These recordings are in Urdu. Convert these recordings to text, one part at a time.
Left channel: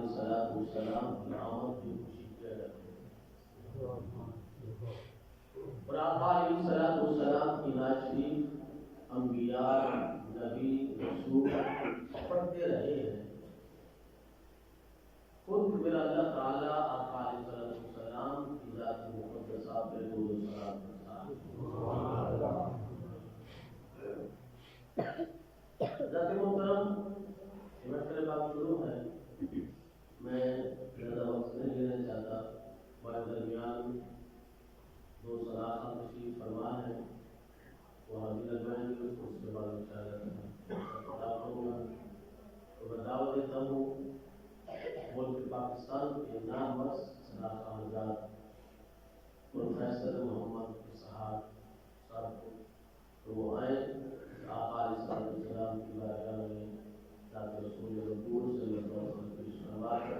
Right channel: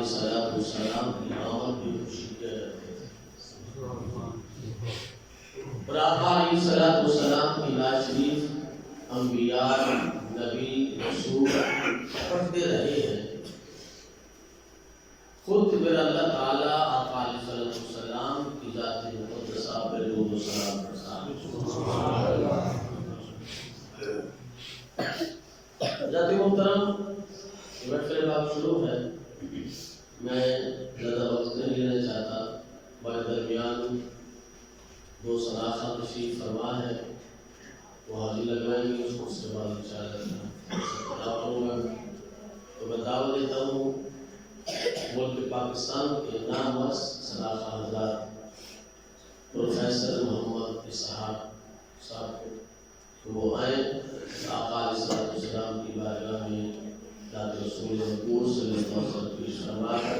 علیہ السلام کی آمد کی خوشی کیا کرتے تھے، اور آقا علیہ السلام کی نعت شریف انبیاء، نبی، رسول پڑھتے رہے ہیں۔ خود پھر اللہ تعالیٰ آقا علیہ السلام کی ذات مقدسہ پر درود و سلام کرتا ہے۔ ذات محترم، محفل پاک شروع ہے، میں زیادہ وقت نہیں لینا چاہتا، ہمارے درمیان دو صداقہ تشریف فرما ہے، وہ حاضری لگوائیں گے، اس کو اس کے بعد انشاءاللہ کروں گا۔ تو میں دعوت دیتا ہوں ملک پاکستان کے نامور صداقہ حضرات پروفیسر محمد اسحاق صاحب کو کہ وہ آئیں، آقا علیہ السلام کی بارگاہ میں ذات رسول مقبول صلی اللہ علیہ وسلم پیش فرما کر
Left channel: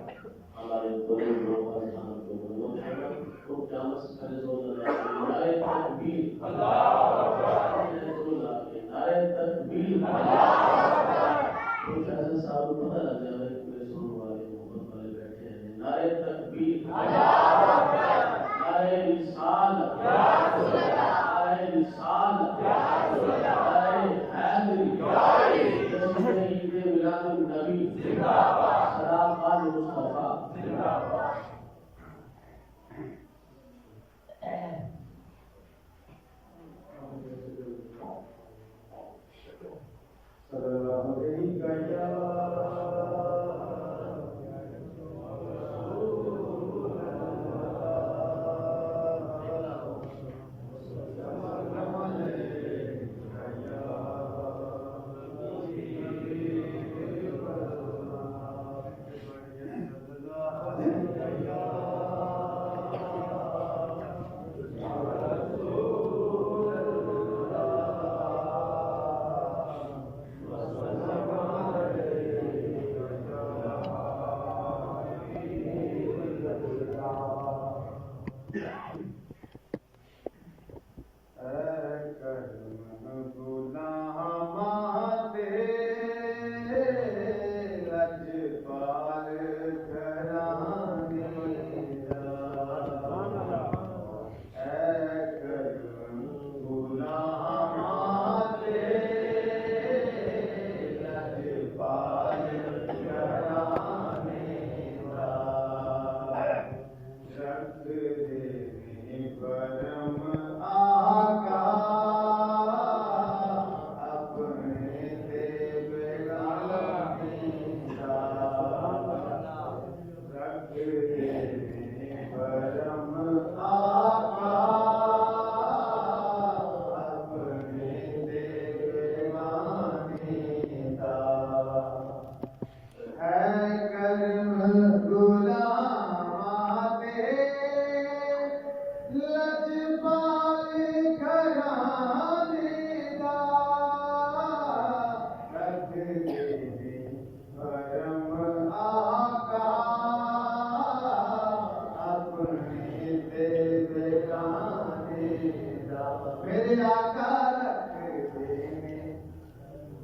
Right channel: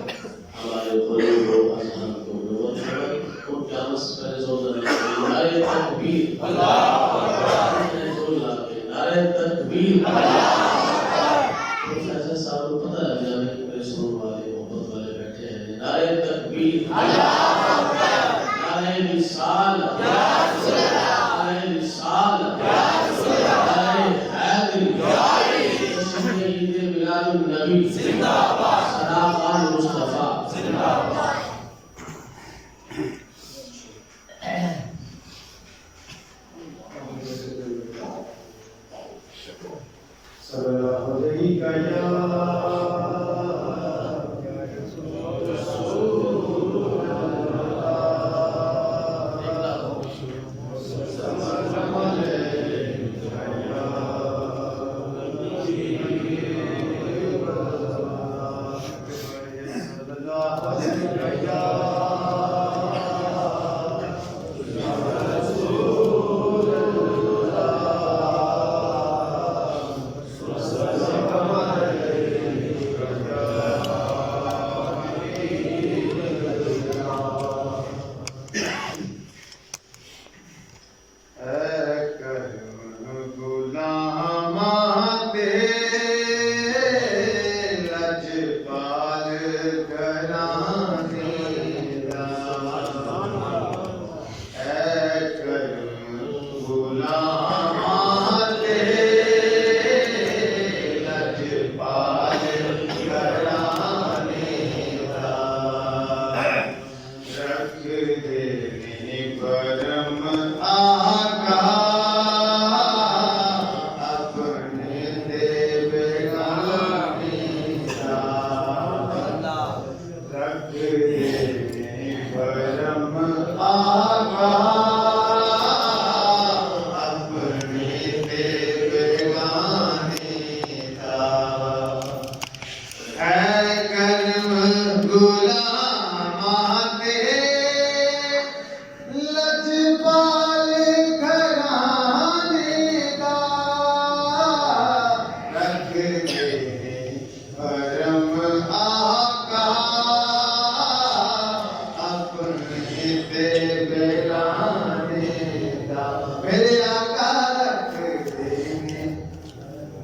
ہمارے قلوب و اذہان کو نور فرمائے۔ ان کے آمد سے پہلے زور نعرہ تکبیر، اللہ اکبر، نعرہ تکبیر، پروفیسر صاحب کو پتہ لگ جائے کہ میرے سننے والے محبت والے بیٹھے ہیں۔ نعرہ تکبیر، اللہ اکبر، نعرہ رسالت، نعرہ رسالت، نعرہ حیدری، جشن عید میلاد النبی، صداقہ مصطفیٰ زندہ باد۔ صلی علیک یا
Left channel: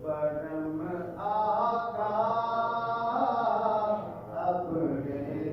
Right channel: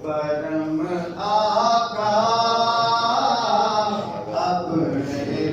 برم آقا اپنے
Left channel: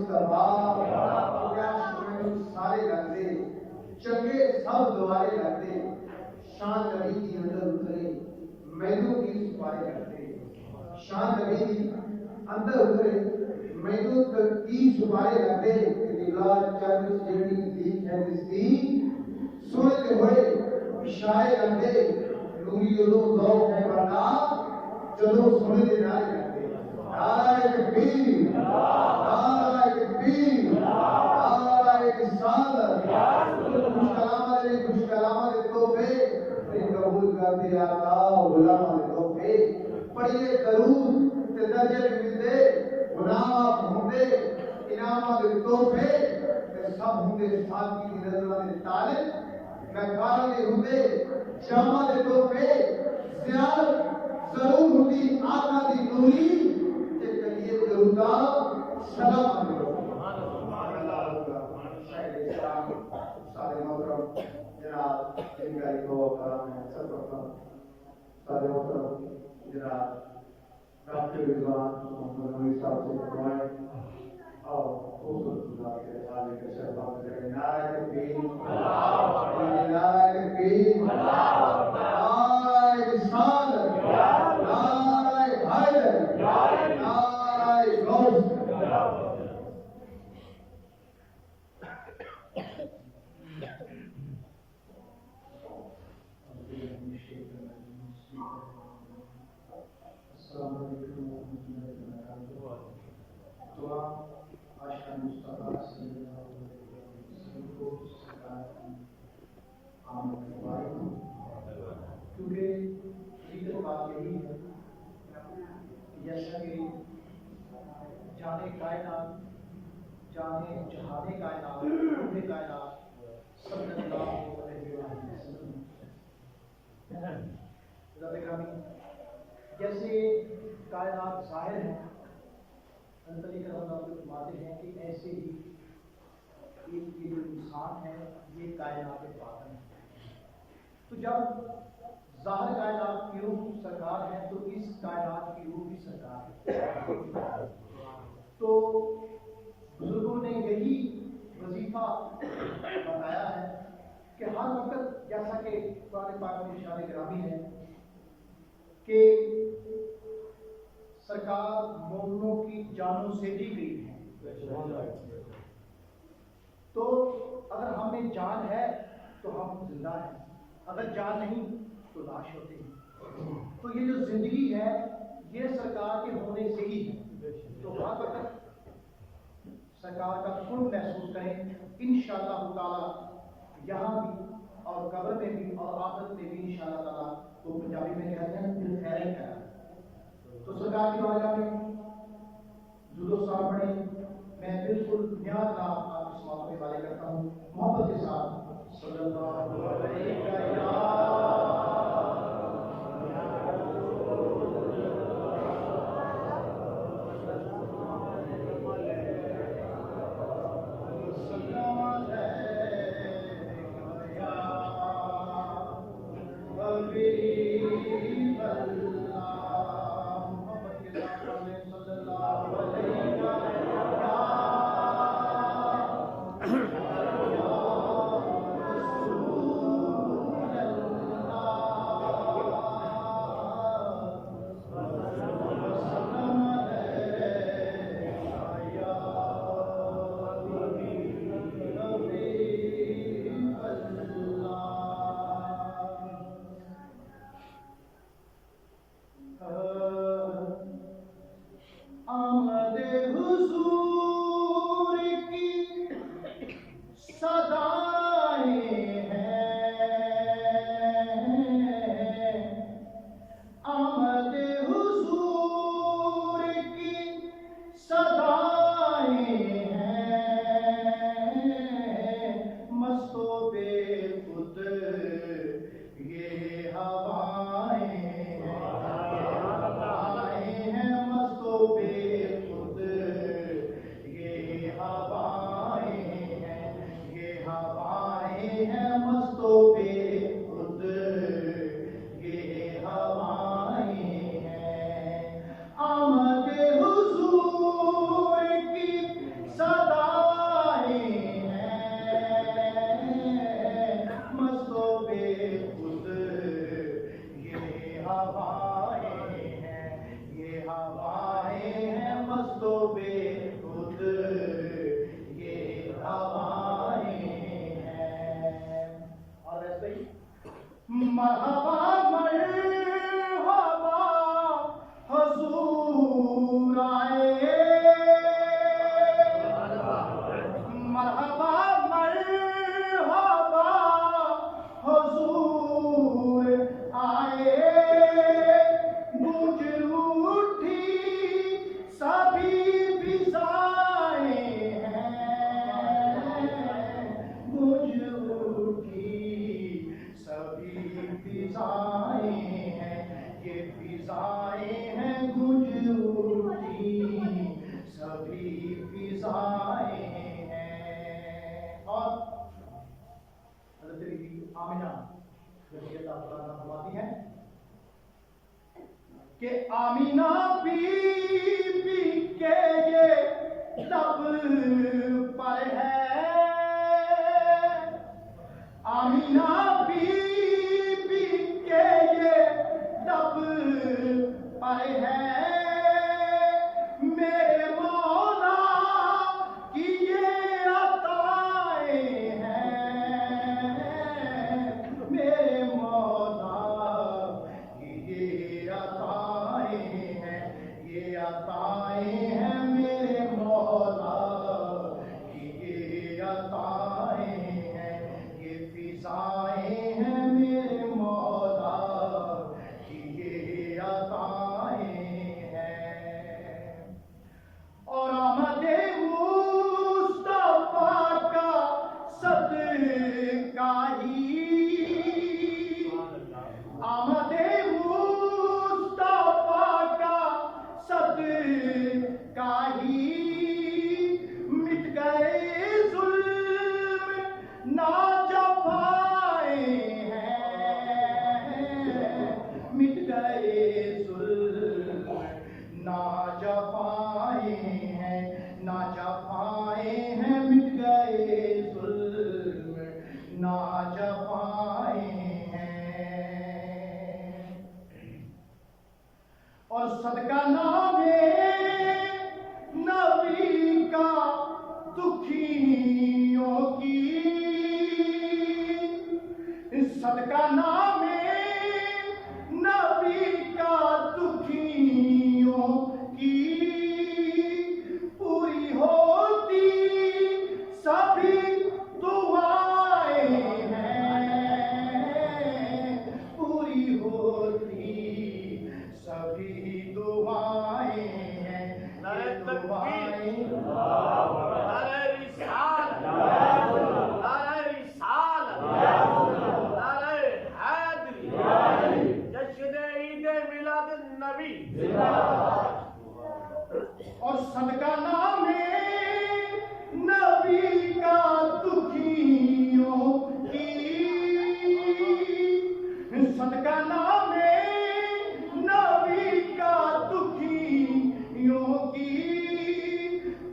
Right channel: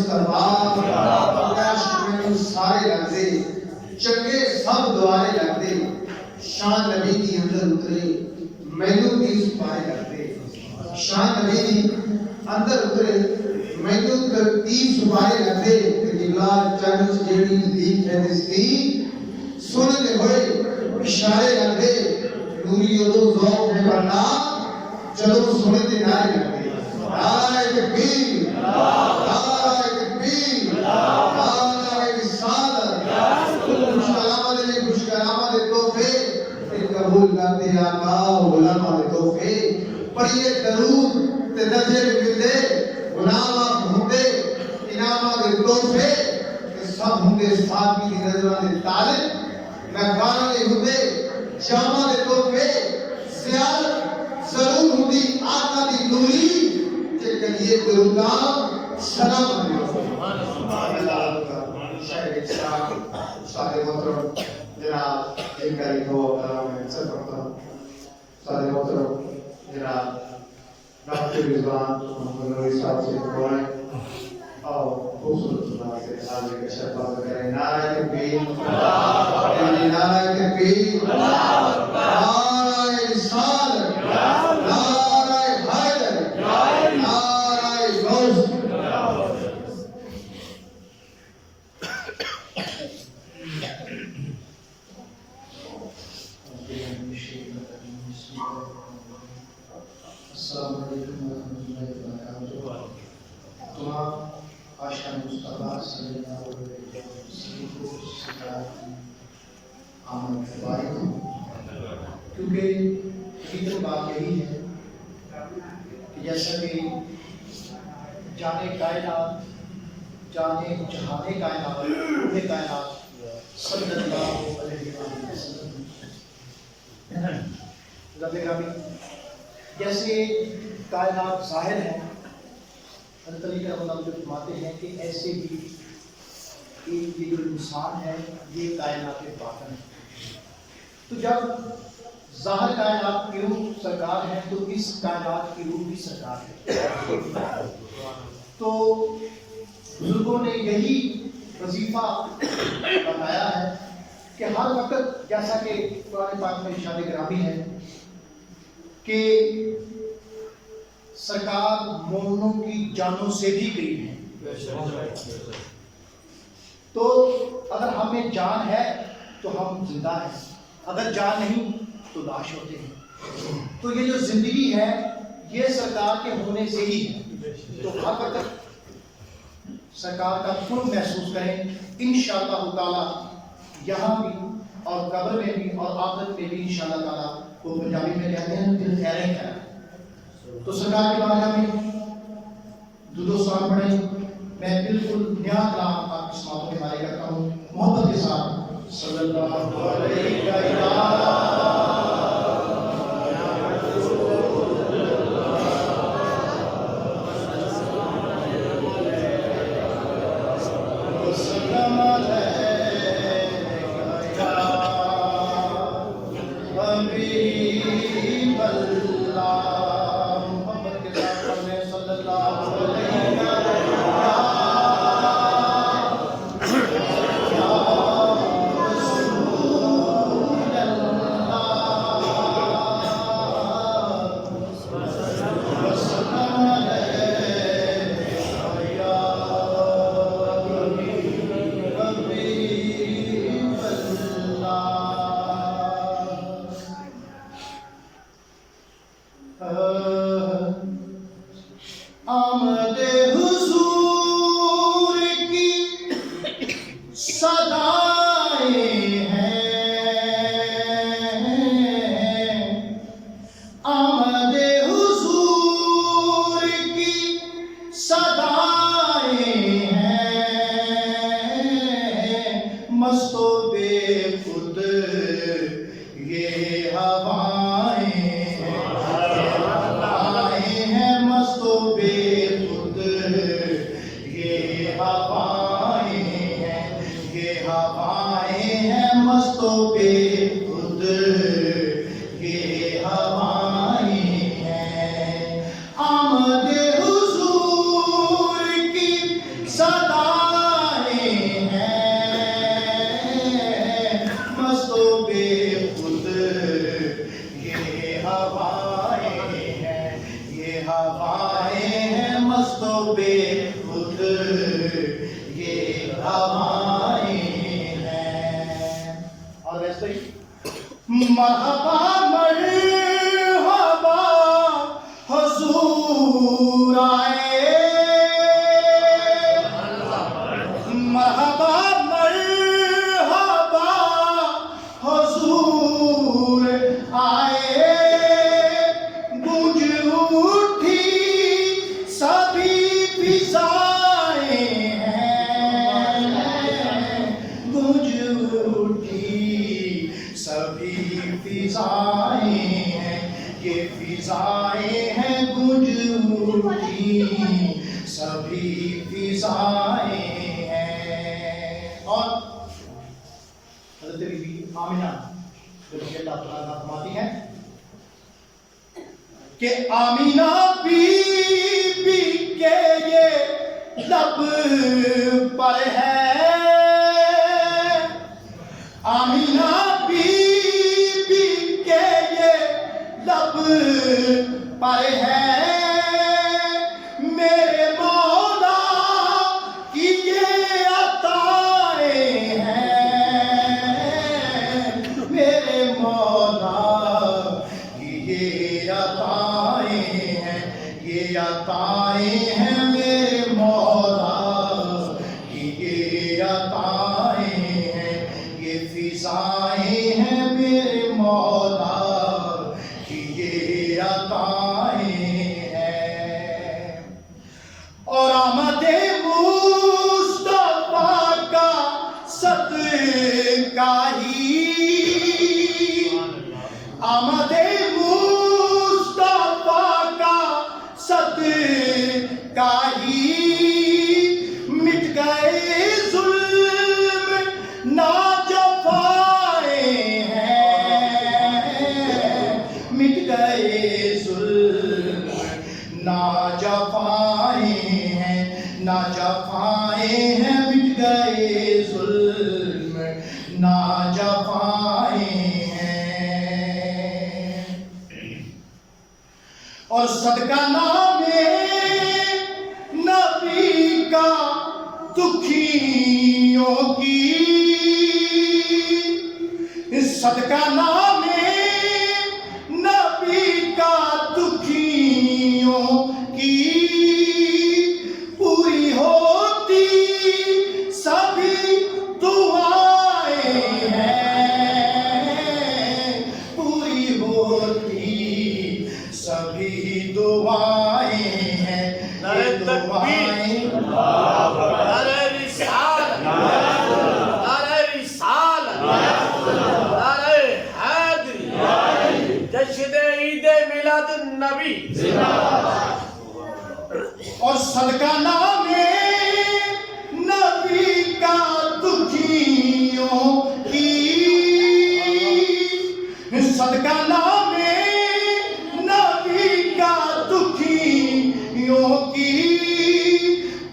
مصطفیٰ میں سارے لگتے چنگے سب دوارے لگتے شان نبی دی اندر اترے مینوں دی سپارے لگتے شان نبی دی اندر اترے مینوں دی سپارے لگتے کہ جلال چرچ جیڑی دیکھ ہے اس کی سنتے ہوئے اشارے لگتے نوری ادو ذوق ہے ورنہ جدو سنتے نعرے لگتے نعرہ تکبیر نعرہ تکبیر نعرہ رسالت خوش کلامہ دے خوش کلامہ دے تحفے قبول کرتے آقا علماء دے تحفے پڑھیے درود تے درجے ملدے گناہ ہوندے انعامہ دے تحفے تے سب ہوندے ساتھی دی نظرہ دے طالب میں گانا دے ہوندے جامع دے تحفے زیادت ضرور ہوندی آقا دی نوری کہ کلیے درودہ سلام علیکم شاہد اسلام استاد محترم جناب انکاری کو کرام میں سر پڑھتا ہوں استاد محترم جناب ڈاکٹر رضوان محمد نوری صاحب سے دعائیں اور خوبصورت انداز سے حاضر کا شرف کریں نعرہ تکبیر نعرہ تکبیر نعرہ رسالت نعرہ حیدر نعرہ غوث السلام علیکم ورحمۃ اللہ وبرکاتہ دعا عاشق مصطفیٰ صلی اللہ علیہ وسلم کو سکھاتی آمد مبارک ہوں کیونکہ حقیقت بات یہی ہے کہ جیسا کہ جانے کائنات جانے جہانے کائنات روح کائنات صلی اللہ علیہ وسلم رب گرامی جیسے کائنات ظاہر ہے حضرت علی کرم اللہ جو فرماتے ہیں کہ ایسے ہی یہ جو انسان ہے یہ کائنات باطن ہے تو جب ظاہر کائنات کی روح سرکار ہے تو اس کائنات کی روح بھی سرکار ہے تو بزرگوں نے یہی وظیفہ بتایا ہے کہ ہر وقت جیسا کہ قرآن پاک میں ارشاد گرامی ہے کہ سرکار مومنوں کی جانوں سے بھی قریب ہے تو اگر ہمیں جان ہے تو ہم زندہ ہیں اگر جان نہیں تو لاش ہوتے ہیں تو یہ جو زندگی ہے یہ سرکار کے ہونے سے ہی ہے تو ہر وقت سرکار کا قرب محسوس کریں انشاءاللہ تعالی یہاں بھی اور قبر میں بھی اور آخرت میں بھی انشاءاللہ تعالی وہ پنجابی میں کہتے ہیں دل خیریں خیر تو سرکار کی بارگاہ میں درود و سلام پڑھیں میں بالکل نیا کلام آپ کی سماعتوں کے بارے کرتا ہوں محبت کے ساتھ صلی اللہ علیہ وسلم مرحبا مرحبا حضور آئے مرحبا مرحبا حضور آئے گونج اٹھی سبھی فضائیں ہیں گونج اٹھی سبھی فضائیں ہیں یہ فضائیں ہیں گونج اٹھی سبھی فضائیں ہیں. اور حضرت بی بی آمنہ رضی اللہ تعالیٰ فرماتی ہیں کہ آمینہ بی بی کے یہ لب پر ہے آمینہ بی بی کے یہ لب پر ہے میرے مولا کی یہ عطائیں ہیں میرے مولا کی یہ عطائیں ہیں یہ عطائیں ہیں میرے مولا کی یہ عطائیں ہیں یہ فضائیں ہیں میرے مولا کی یہ عطائیں ہیں. اور آمد مصطفیٰ کا صدقہ ہی آمد مصطفیٰ کا صدقہ ہی مٹ گئے ظلم ناجفائیں ہیں مٹ گئے ظلم ناجفائیں ہیں ناجفائیں ہیں مٹ گئے ظلم ناجفائیں ہیں. اور صدقہ نام نبی کا دکھیوں کی صدقہ نام نبی کا دکھیوں کی پوری ہوتی سبھی دعائیں ہیں پوری ہوتی سبھی دعائیں ہیں یہ دعائیں نعرہ رسالت نعرہ رسالت نعرہ حیدری جشن عید میلاد النبی. اور صدقہ نام نبی کا دکھیوں کی صدقہ نام نبی کا دکھیوں کی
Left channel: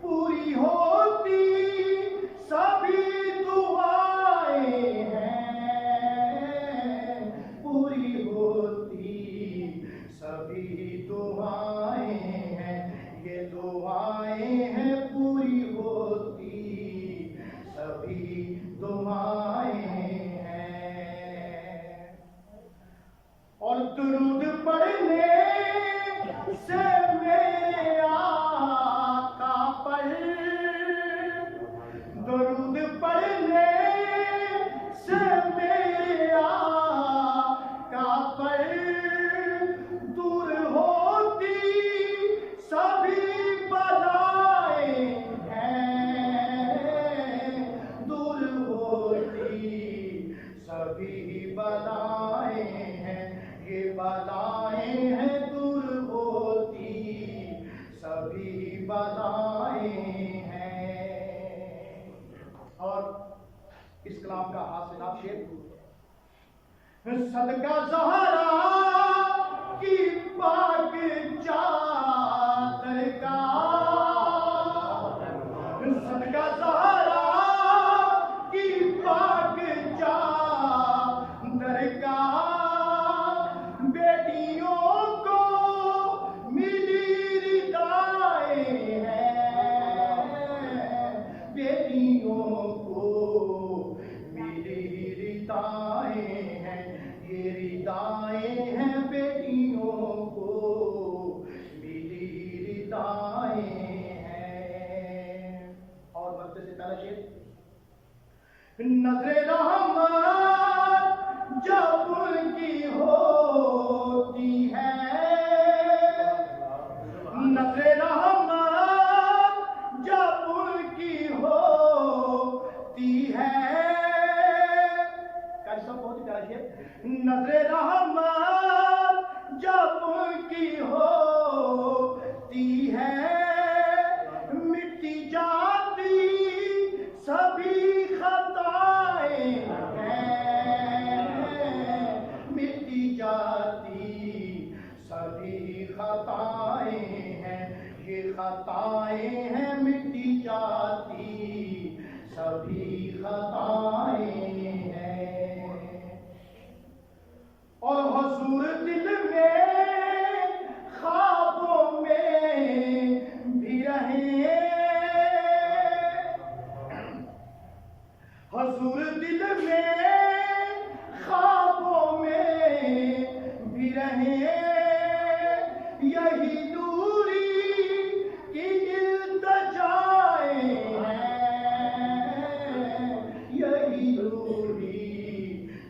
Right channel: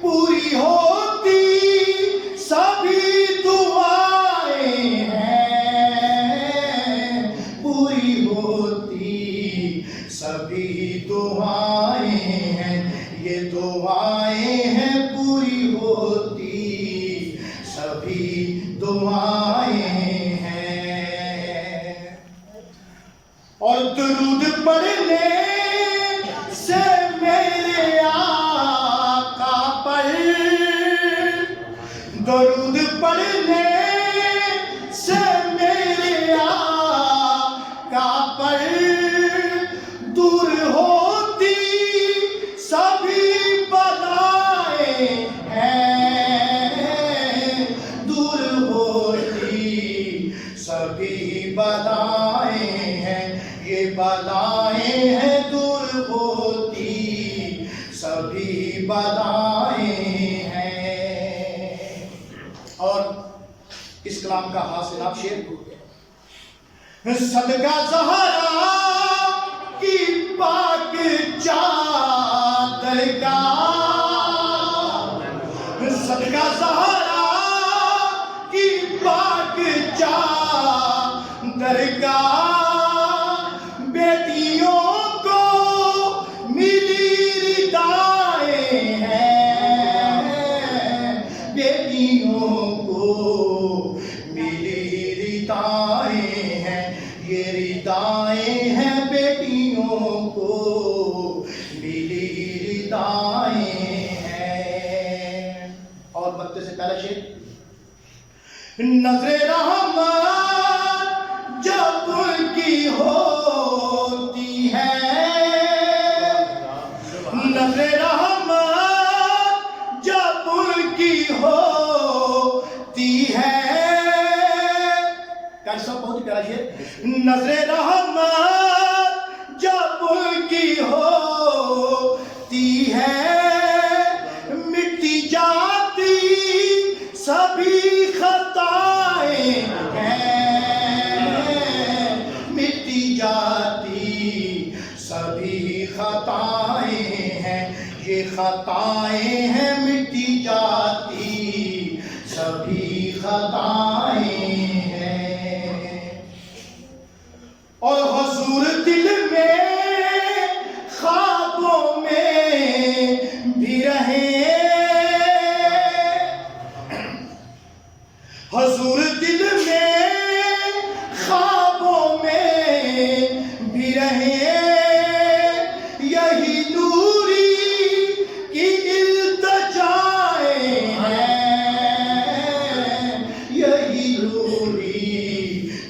پوری ہوتی سبھی دعائیں ہیں پوری ہوتی سبھی دعائیں ہیں یہ دعائیں ہیں پوری ہوتی سبھی دعائیں ہیں. اور درود پڑھنے سے میرے آقا پر درود پڑھنے سے میرے آقا پر دور ہوتی سبھی بلائیں ہیں دور ہوتی سبھی بلائیں ہیں یہ بلائیں ہیں دور ہوتی سبھی بلائیں ہیں. اور اس کلام کا حاصل آپ شعر صدقہ زہرا کی پاک چادر کا صدقہ زہرا کی پاک چادر کا بیٹیوں کو ملی ردائیں ہیں بیٹیوں کو ملی ردائیں ہیں یہ پہلا شعر. نظر رحمت جب ان کی ہوتی ہے، نظر رحمت جب ان کی ہوتی ہے. کیسا بہت پیارا شعر. نظر رحمت جب ان کی ہوتی ہے، مٹی جاتی سبھی خطائیں ہیں، مٹی جاتی سبھی خطائیں ہیں، یہ خطائیں ہیں مٹی جاتی سبھی خطائیں ہیں. اور حضور دل میں خوابوں میں بھی رہے، حضور دل میں خوابوں میں بھی رہے، یہی نوری کی التجائیں ہیں، یہی نوری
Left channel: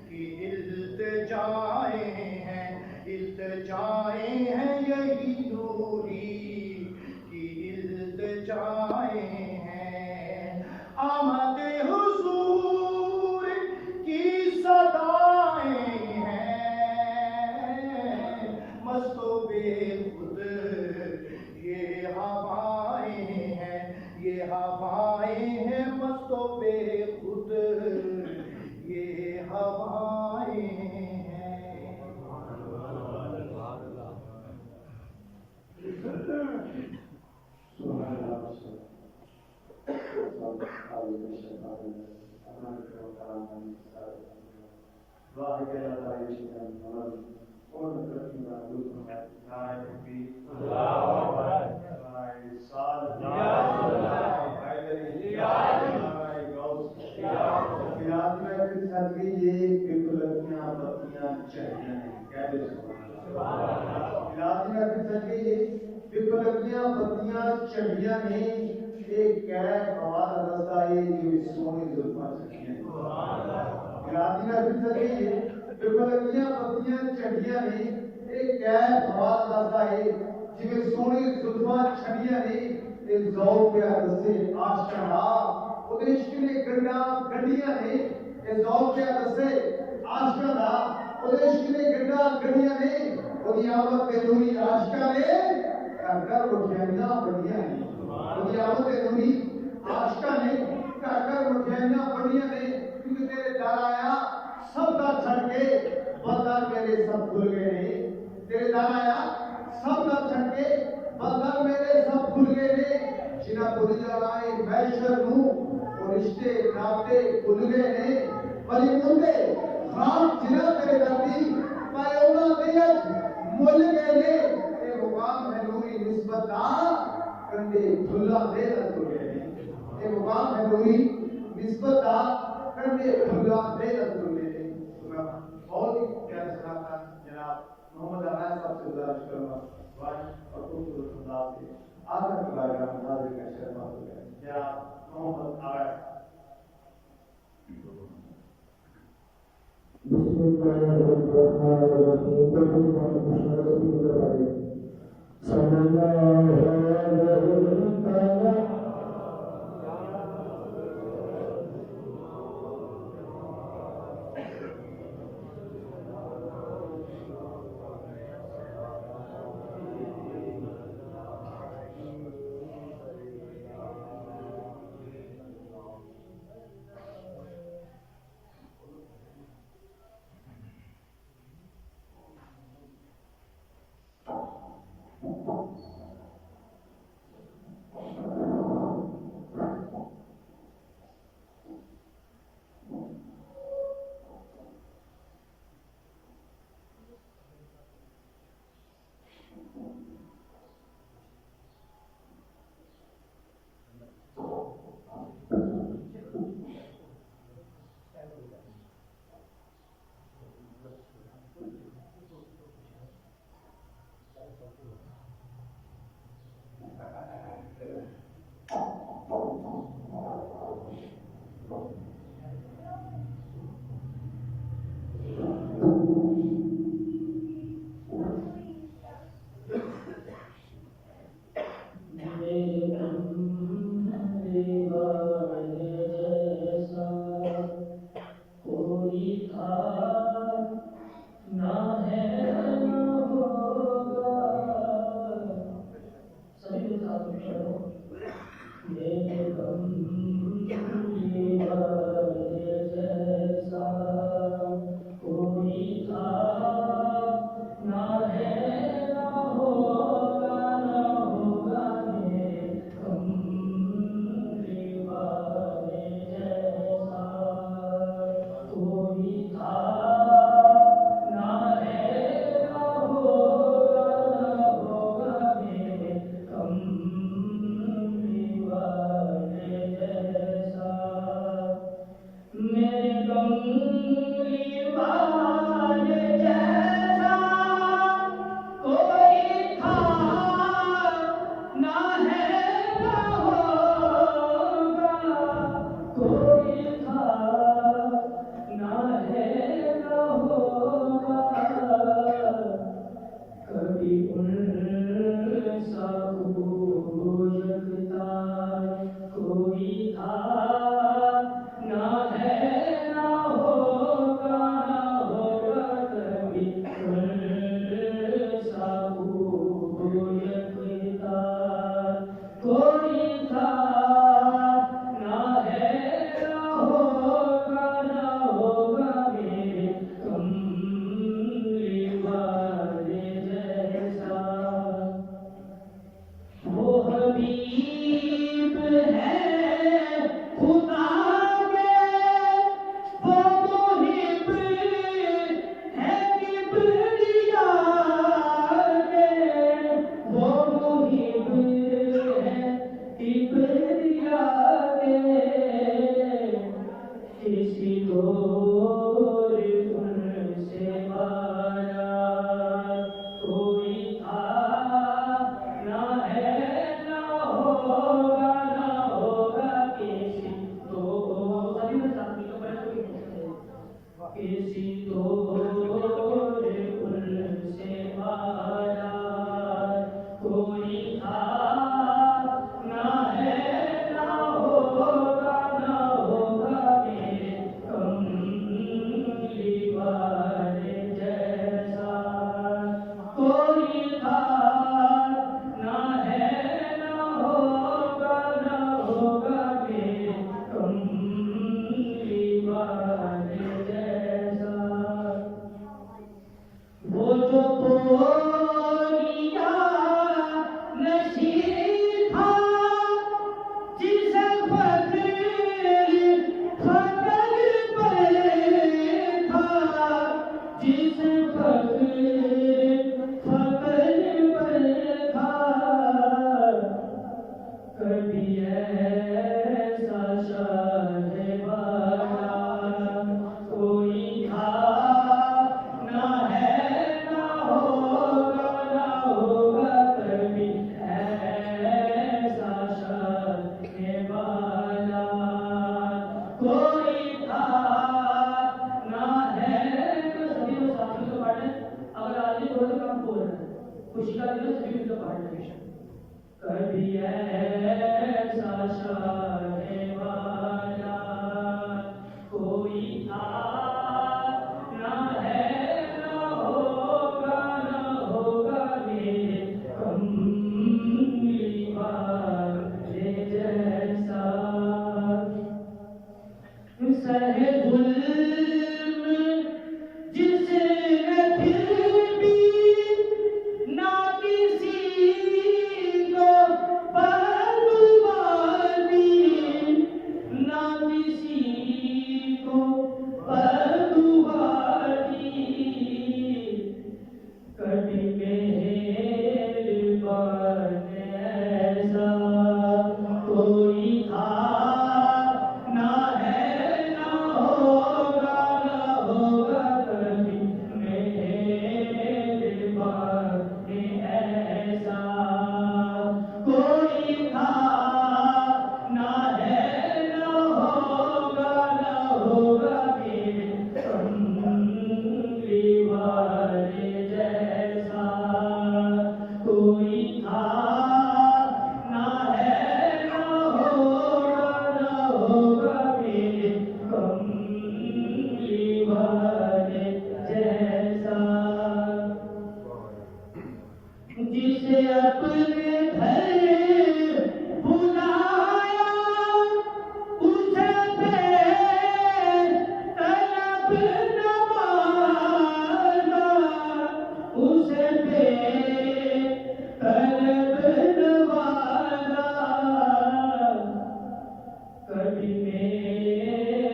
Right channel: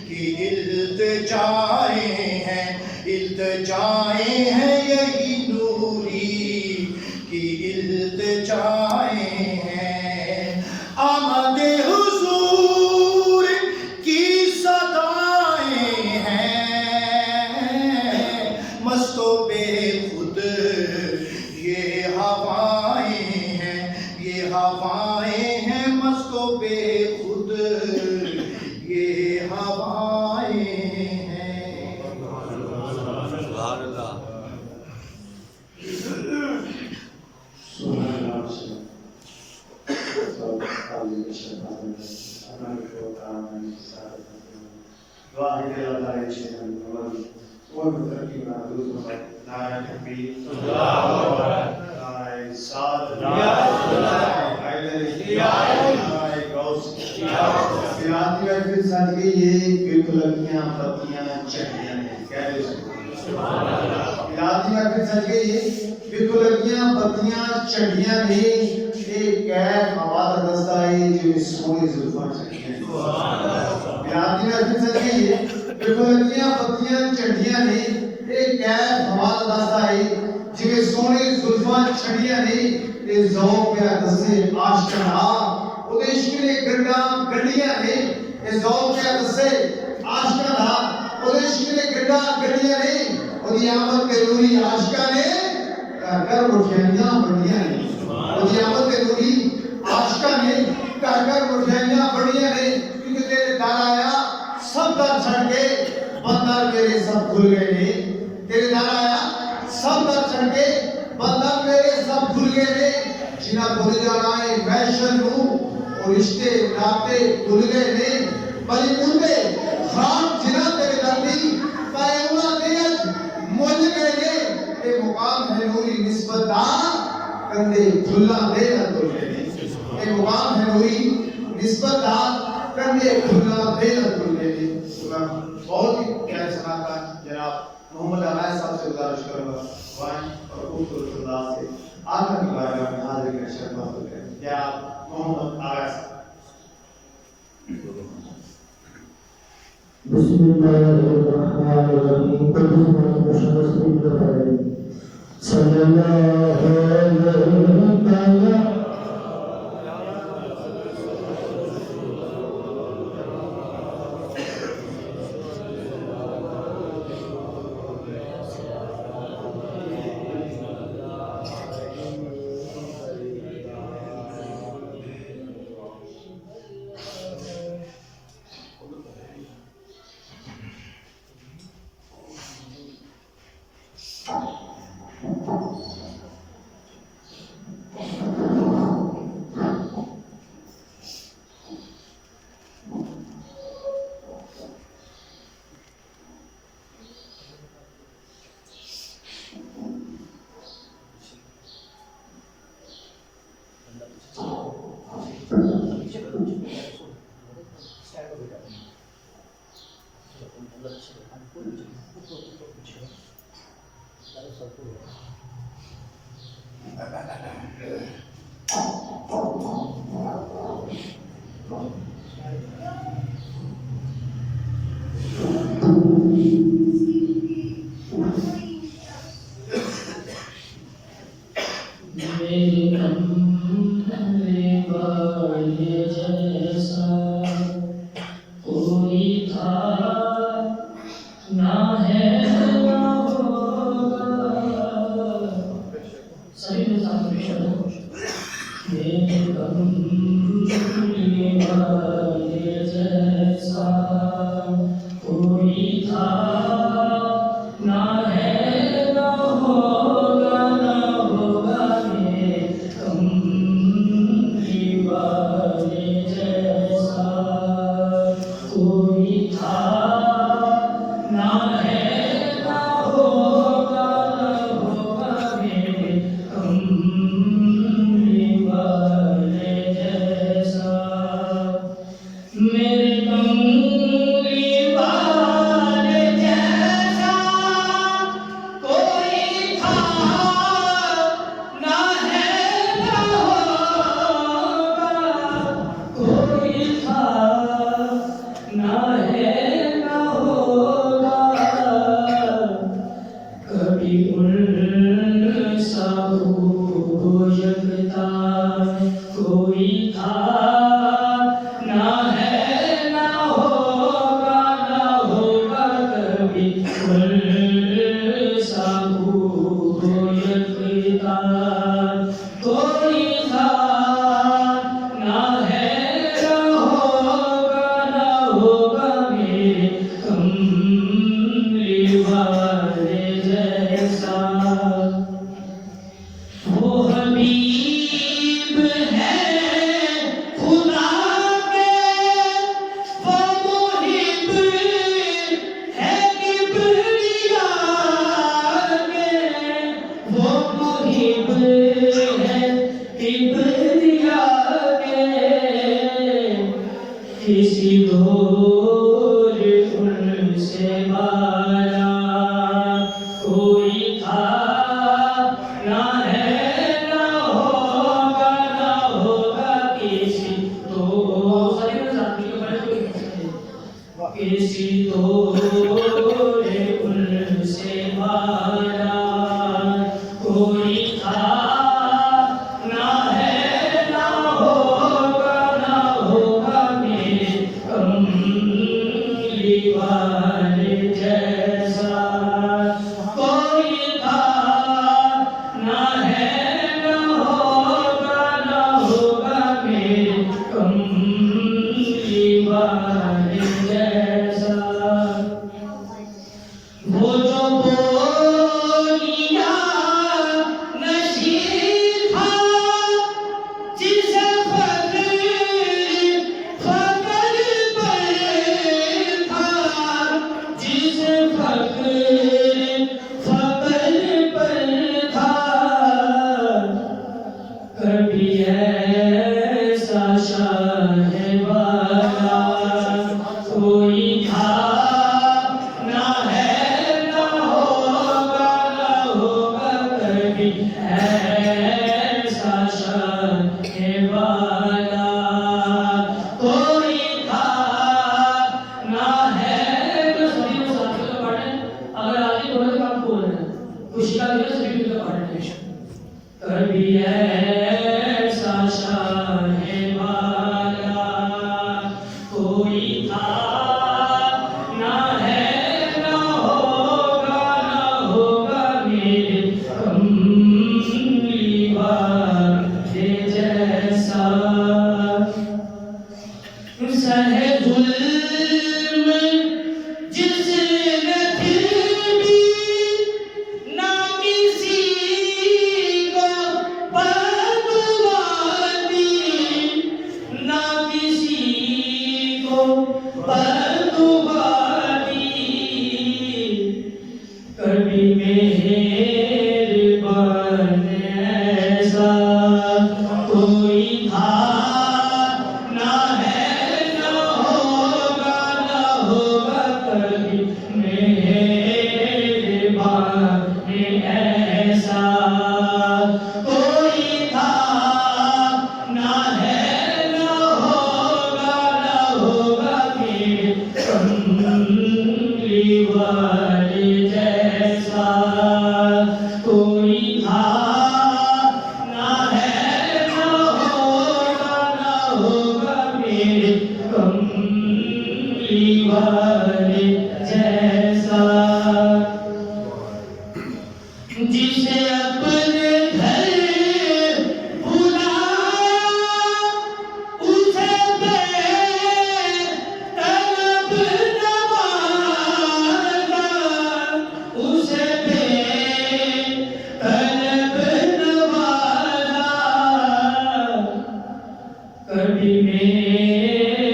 کی التجائیں ہیں، التجائیں ہیں، یہی نوری کی التجائیں ہیں. آمد حضور کی صدائیں ہیں، مست و بے خود یہ ہوائیں ہیں، یہ ہوائیں ہیں، مست و بے خود یہ ہوائیں ہیں. چڑیاں نے ایک کیف آواز دستا ہے جو سونے زلفاں چڑیاں نے. برادری میں پھر سج گئی ہے، دیکھو لگیاں پتیاں چڑیاں نے ایک کیف آواز دستا ہے جو سونے زلفاں چڑیاں نے. اے ذوق پہ دسے آشکارا او دے عشق نے گنڈا گنڈیاں نے، اے ذوق پہ دسے آشکارا او دے عشق نے گنڈا گنڈیاں نے، او دی آمد کے نوری عاشقاں نے کر مٹھائیاں بڑیاں نے. او دی آمد کے نوری عاشقاں نے کر مٹھائیاں بڑیاں نے. کیونکہ تیرے در آیا سب در چھڑ کے بندر میرے سب کھل گئے نے. تیرے در آیا سب در چھڑ کے بندر میرے سب کھل گئے نے. جنہ بھول جانا ہے محشر نوں اور رشتے ناتے بھول گئے نے. بلی مندے خان جنہ تیرے در دی پائے انہاں دے اج مل گئے نے. اے مقام ہے نوری نسبت دا کندے کھلا دے نہ تل گئے نے. اے مقام ہے نوری نسبت دا کندے کھلا دے نہ تل گئے نے. بہت ہی پیارے صلاحکار جناب محمد عمیر صاحب سے گزارش کروں گا وائن اور خوبصورت انداز سے آقا کی بارگاہ میں حاضر کریں شرف حاصل کریں. کیا محمد عمیر صاحب. بسم اللہ الرحمن الرحیم. صلی اللہ علیہ وسلم.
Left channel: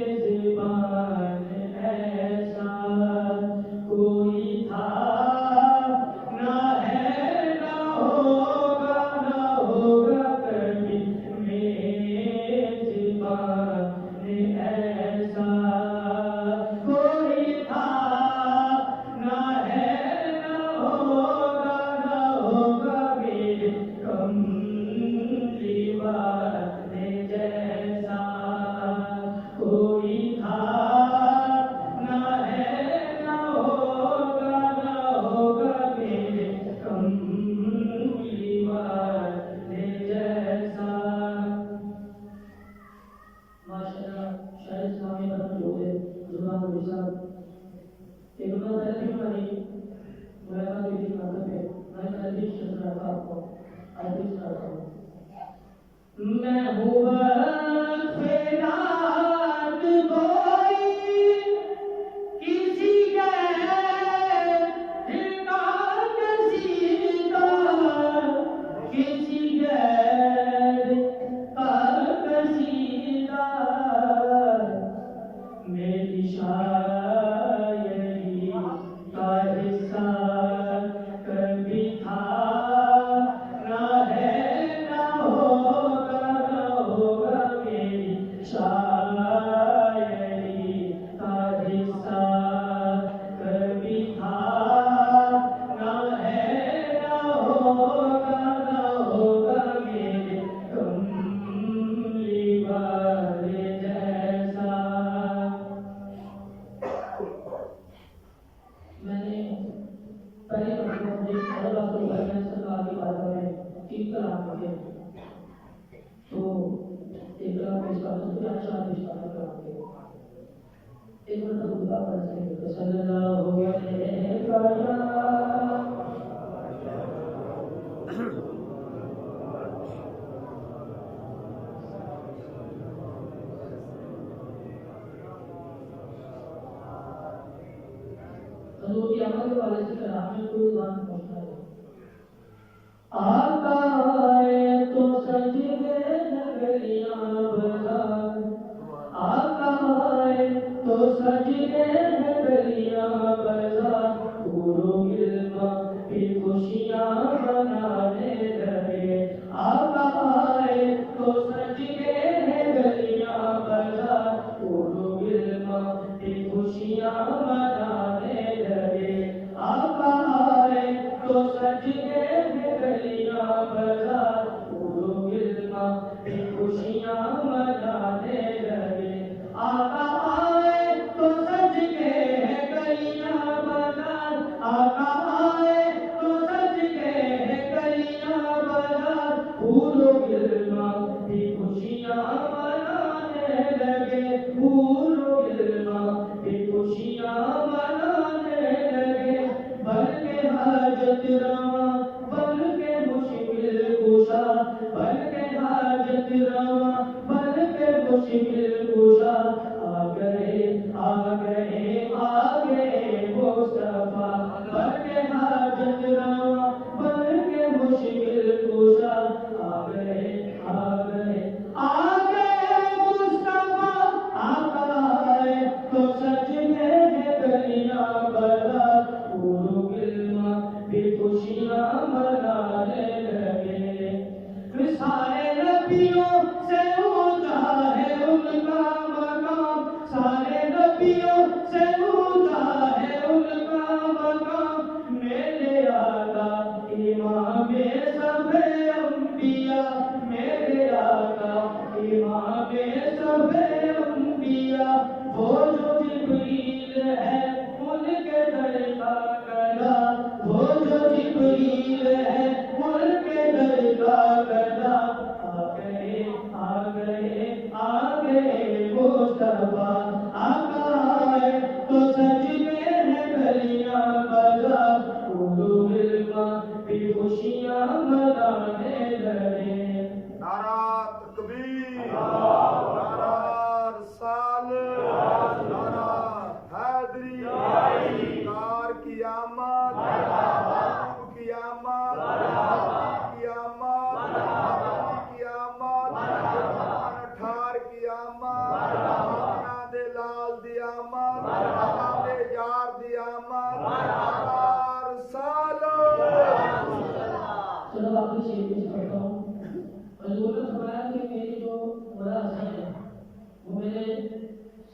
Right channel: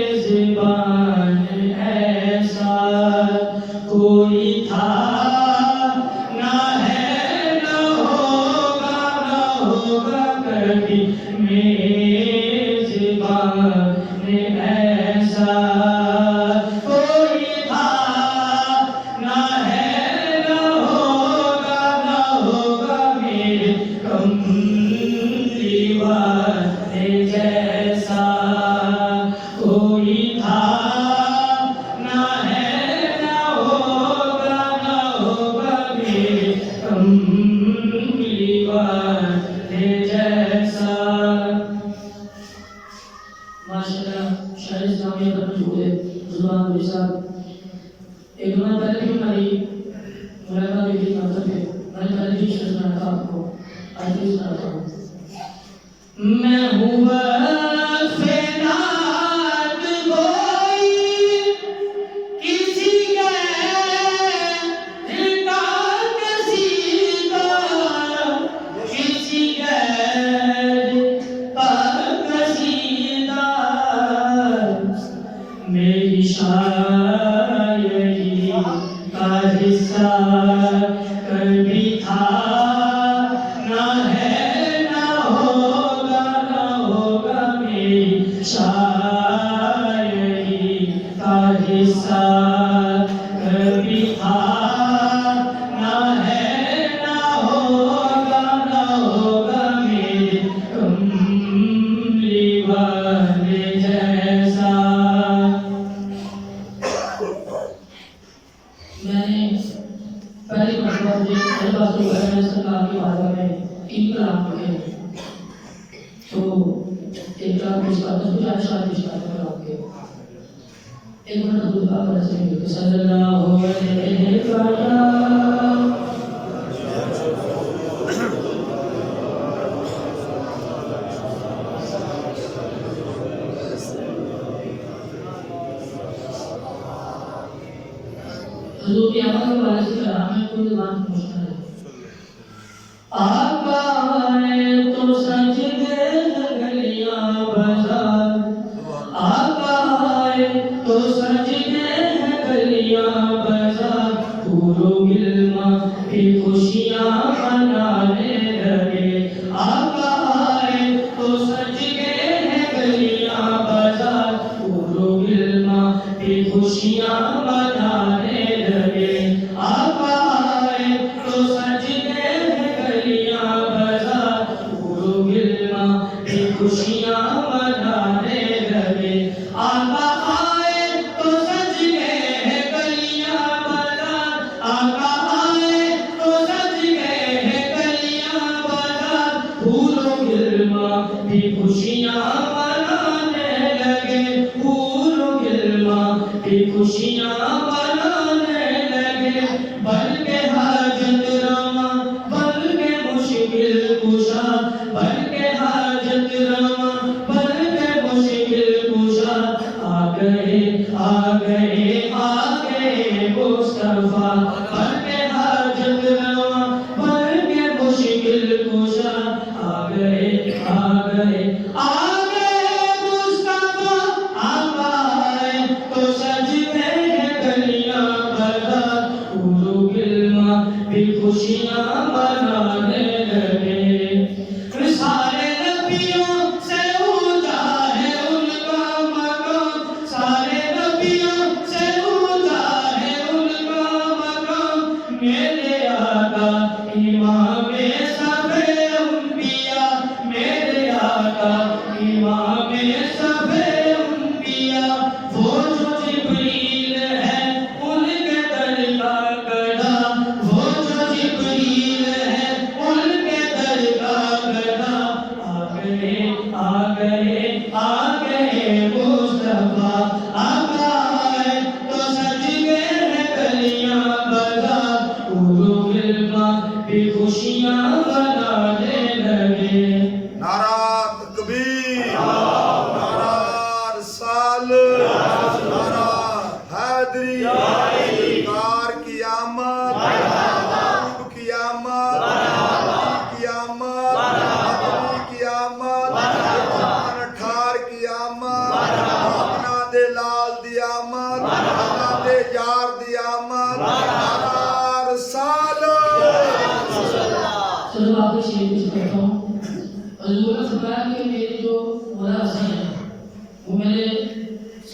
میزبان ایسا کوئی تھا نہ ہے نہ ہوگا کبھی میزبان ایسا کوئی تھا نہ ہے نہ ہوگا میرے کملی والے جیسا کوئی تھا نہ ہے نہ ہوگا میرے کملی والے جیسا ماشاءاللہ شاعر اسلامی پر موجود ہے زبان گوئی صاحب ایک دو پہلے بھی ہماری ملاقات ہوئی تھی مطلب ہے میں پہلے بھی شعر سناتا تھا آپ کو آج بھی سناتا ہوں میں ہوں وقف نعت گوئی کسی غیر کا قصیدہ کسی غیر کا قصیدہ میری شاعری کا حصہ کبھی تھا نہ ہے نہ ہوگا میری شاعری کا حصہ کبھی تھا نہ ہے نہ ہوگا میرے کملی والے جیسا میں نے پہلی مرتبہ مجھے میرے پاس تو گھر میں سرکار کی بارگاہ میں 3 کلام پڑھے تو ایک کلام پیش کرتا ہوں کچھ اشعار پیش کرتا ہوں کلام کے ایک منٹ خود کا کرنا چاہیے کہ صلی اللہ علیہ وسلم حضور کی آمد کے والے سے کلام میں کوئی بات پوچھنا ہے آقا آئے تو سجدے ہیں گلیاں بازار آقا آئے تو سجدے ہیں گلیاں بازار پورو گلما بھی خوشیاں منانے لگے آقا آئے تو سجدے ہیں گلیاں بازار پورو گلما بھی خوشیاں منانے لگے آقا آئے تو سجدے ہیں گلیاں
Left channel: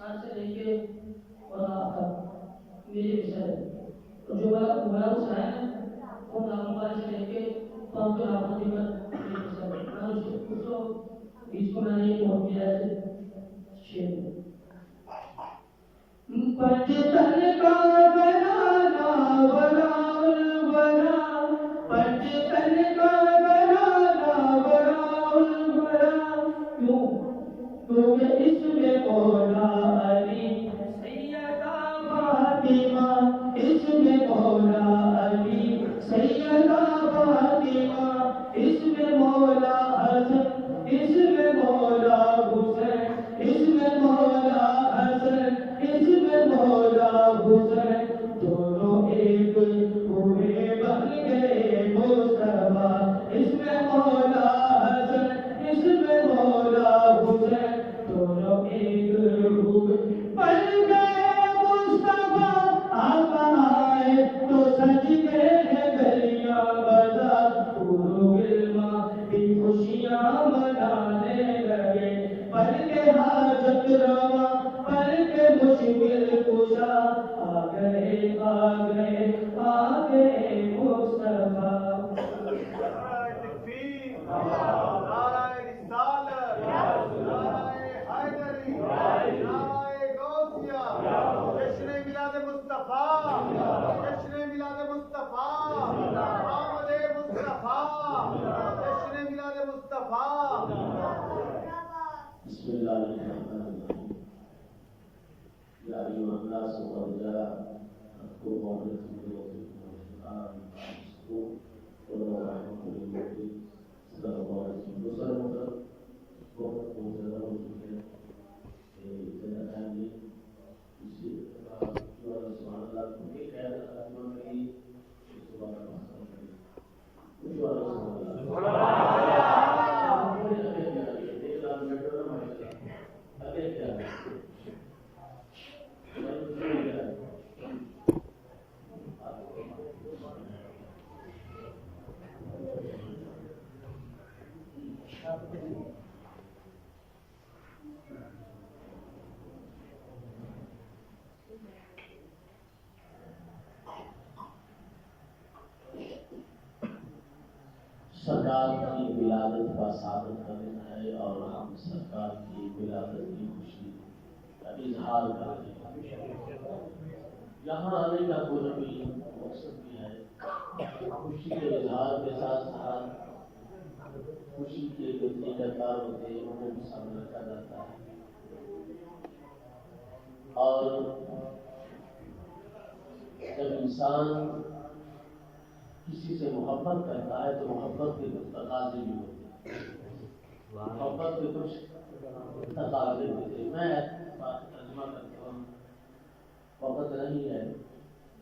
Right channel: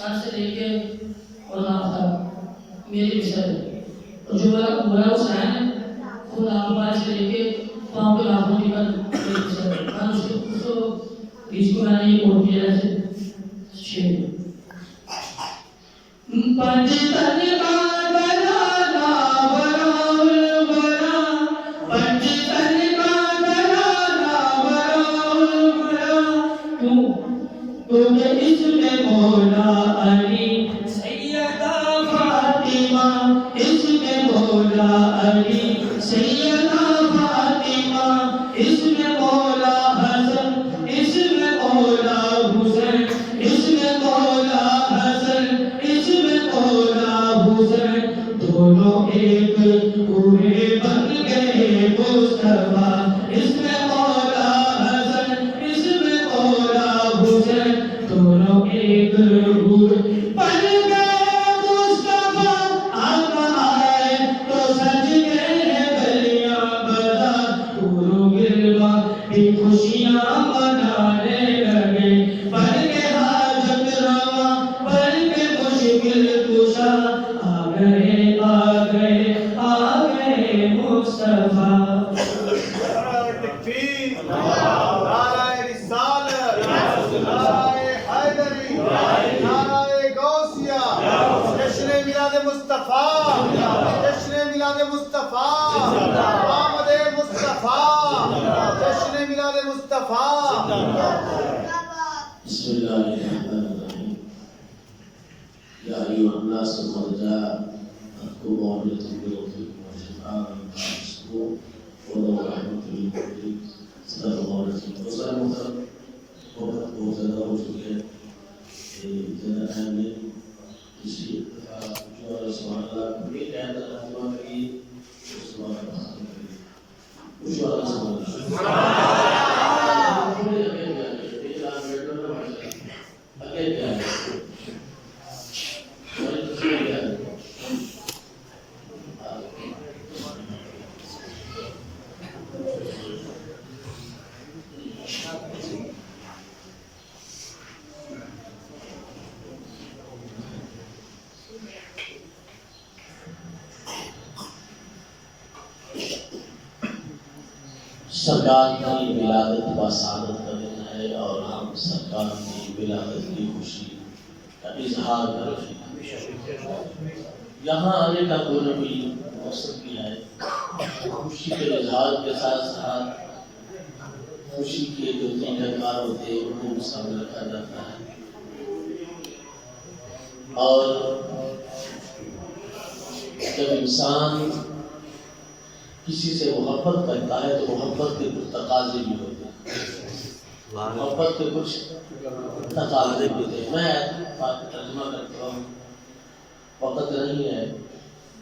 سر سے لے کے اور ناف تک میری مثال ہے. اور جو بڑا حسین ہے وہ ناف پائے سے لے کے پاؤں کے ناخنوں کی پر میری مثال ہے. میں اس کو میں نے یہ کوٹ کیا ہے شیر پنج تن کا بنانا براؤل برا پنج تن کا بنانا براؤل برا تمہیں اس میں مولا علی سیدہ فاطمہ اس میں مولا علی سیدہ فاطمہ اس میں مولا حسن اس میں مولا حسین اس میں مولا حسن اس میں مولا حسین دونوں ایک ہوئے بن گئے مصطفیٰ اس میں مولا حسن اس میں مولا حسین دونوں ایک ہوئے بن گئے مصطفیٰ. آقا آئے تو سج گئے گلیاں بازار پورو گروا بھی خوشیاں منانے لگے بن کے حاجت روا بن کے مشکل کشا آ گئے مصطفیٰ. تکبیر نعرہ رسالت نعرہ حیدری نعرہ غوثیہ جشن میلاد مصطفیٰ جشن میلاد مصطفیٰ آمد مصطفیٰ جشن میلاد مصطفیٰ. بسم اللہ الرحمن الرحیم. یا ایھا الناس قد جاءتکم موعظۃ من ربکم وشفاء ورحمۃ للمؤمنین. صدق اللہ العظیم. دوسرا محترم بہت زیادہ ہو چکے ہیں زیادہ ٹائم نہیں اسی اتفاق جو اللہ سبحانہ اللہ یہ کہتا ہے رحمہ کریے اس بات کا حاصل کریے جو اللہ سبحانہ سرکار کی ولادت و سعادت کا دن ہے اور ہم سرکار کی ولادت کی خوشی کا اظہار کر رہے ہیں. یہاں آنے کا کوئی نہ کوئی مقصد بھی ہے. خوشی کے اظہار کے ساتھ ساتھ خوشی کے جو طریقہ کار ہوتے ہیں ان کو بھی سامنے رکھا جاتا ہے. اور جب انسان کسی سے محبت کرتا ہے تو محبت کے کچھ تقاضے بھی ہوتے ہیں. محبت کے کچھ تقاضے بھی ہوتے ہیں. میں بات ترجمہ کرتا ہوں وقت نہیں ہے.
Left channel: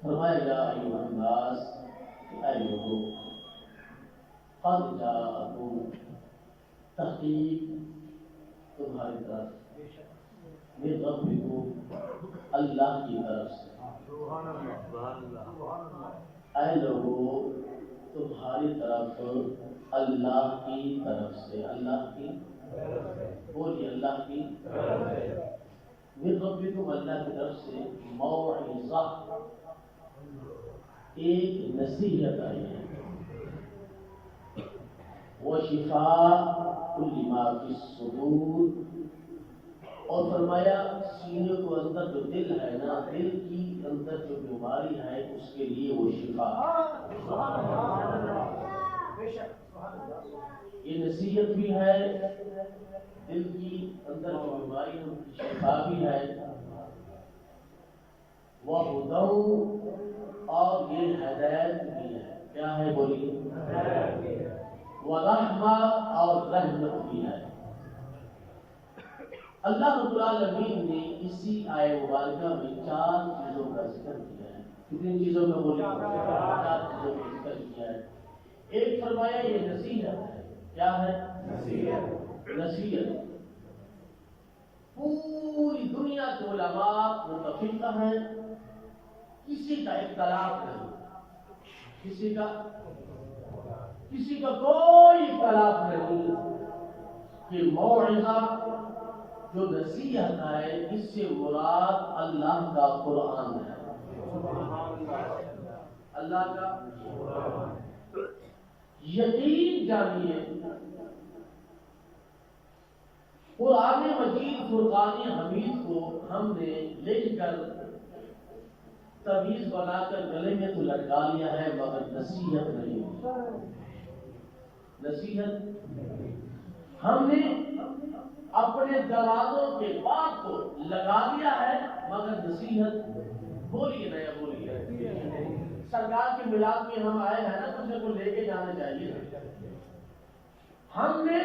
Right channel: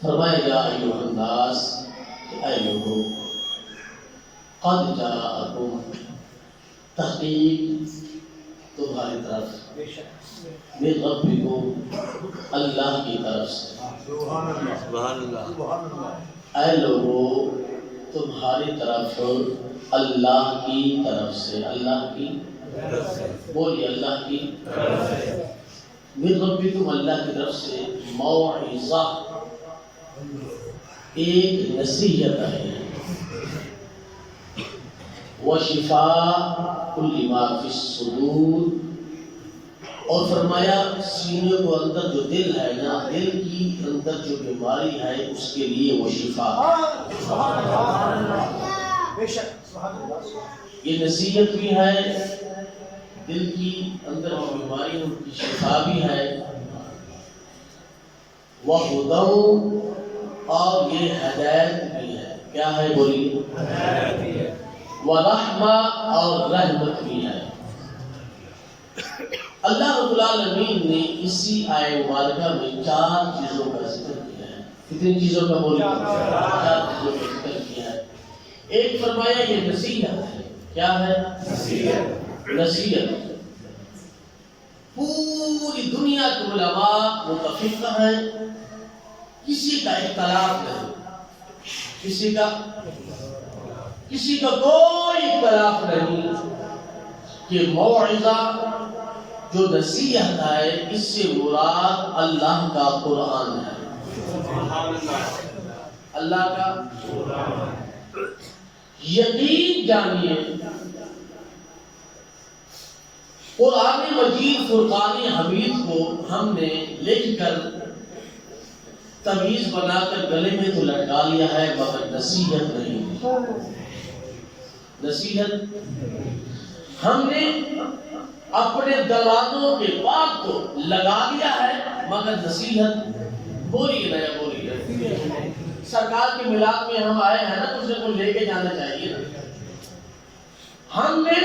فرمایا یا ایھا الناس کہ اے لوگوں قد جاءکم تحقیق تمہاری طرف من ربکم اللہ کی طرف سے. اے لوگوں تمہاری طرف اللہ کی طرف سے. اللہ کی بولیے اللہ کی من ربکم اللہ کی طرف سے موعظہ ایک نصیحت ہے. وشفاء کل ما فی الصدور اور فرمایا سینے کو اندر جو دل ہے نا دل کی اندر جو بیماری ہے اس کے لیے وہ شفا. یہ نصیحت بھی ہے دل کی اندر جو بیماری ان کی شفا بھی ہے. وَهُدًى اور یہ ہدایت بھی ہے. کیا ہے بولیے؟ ہدایت بھی ہے. وَرَحْمَةً اور رحمت بھی ہے. اللہ رب العالمین نے اسی آیہ مبارکہ میں 4 چیزوں کا ذکر کیا ہے. کتنی چیزوں کا بولیے؟ 4 چیزوں کا ذکر کیا ہے. ایک فرمایا یہ نصیحت ہے. کیا ہے؟ نصیحت. نصیحت پوری دنیا کے علماء متفق ہیں, کسی کا اختلاف نہیں, کسی کا کوئی اختلاف نہیں کہ موعظہ جو نصیحت ہے اس سے مراد اللہ کا قرآن ہے، اللہ کا یقین جانیے قرآن مجید فرقان حمید کو ہم نے لکھ کر تعویذ بنا کر گلے میں تو لٹکا لیا ہے، مگر نصیحت نہیں، نصیحت ہم نے اپنے دروازوں کے بعد تو لگا دیا ہے، مگر نصیحت بولیے نیا بولیے۔ سرکار کے میلاد میں ہم آئے ہیں نا، دوسرے کو لے کے جانا چاہیے نا۔ ہم نے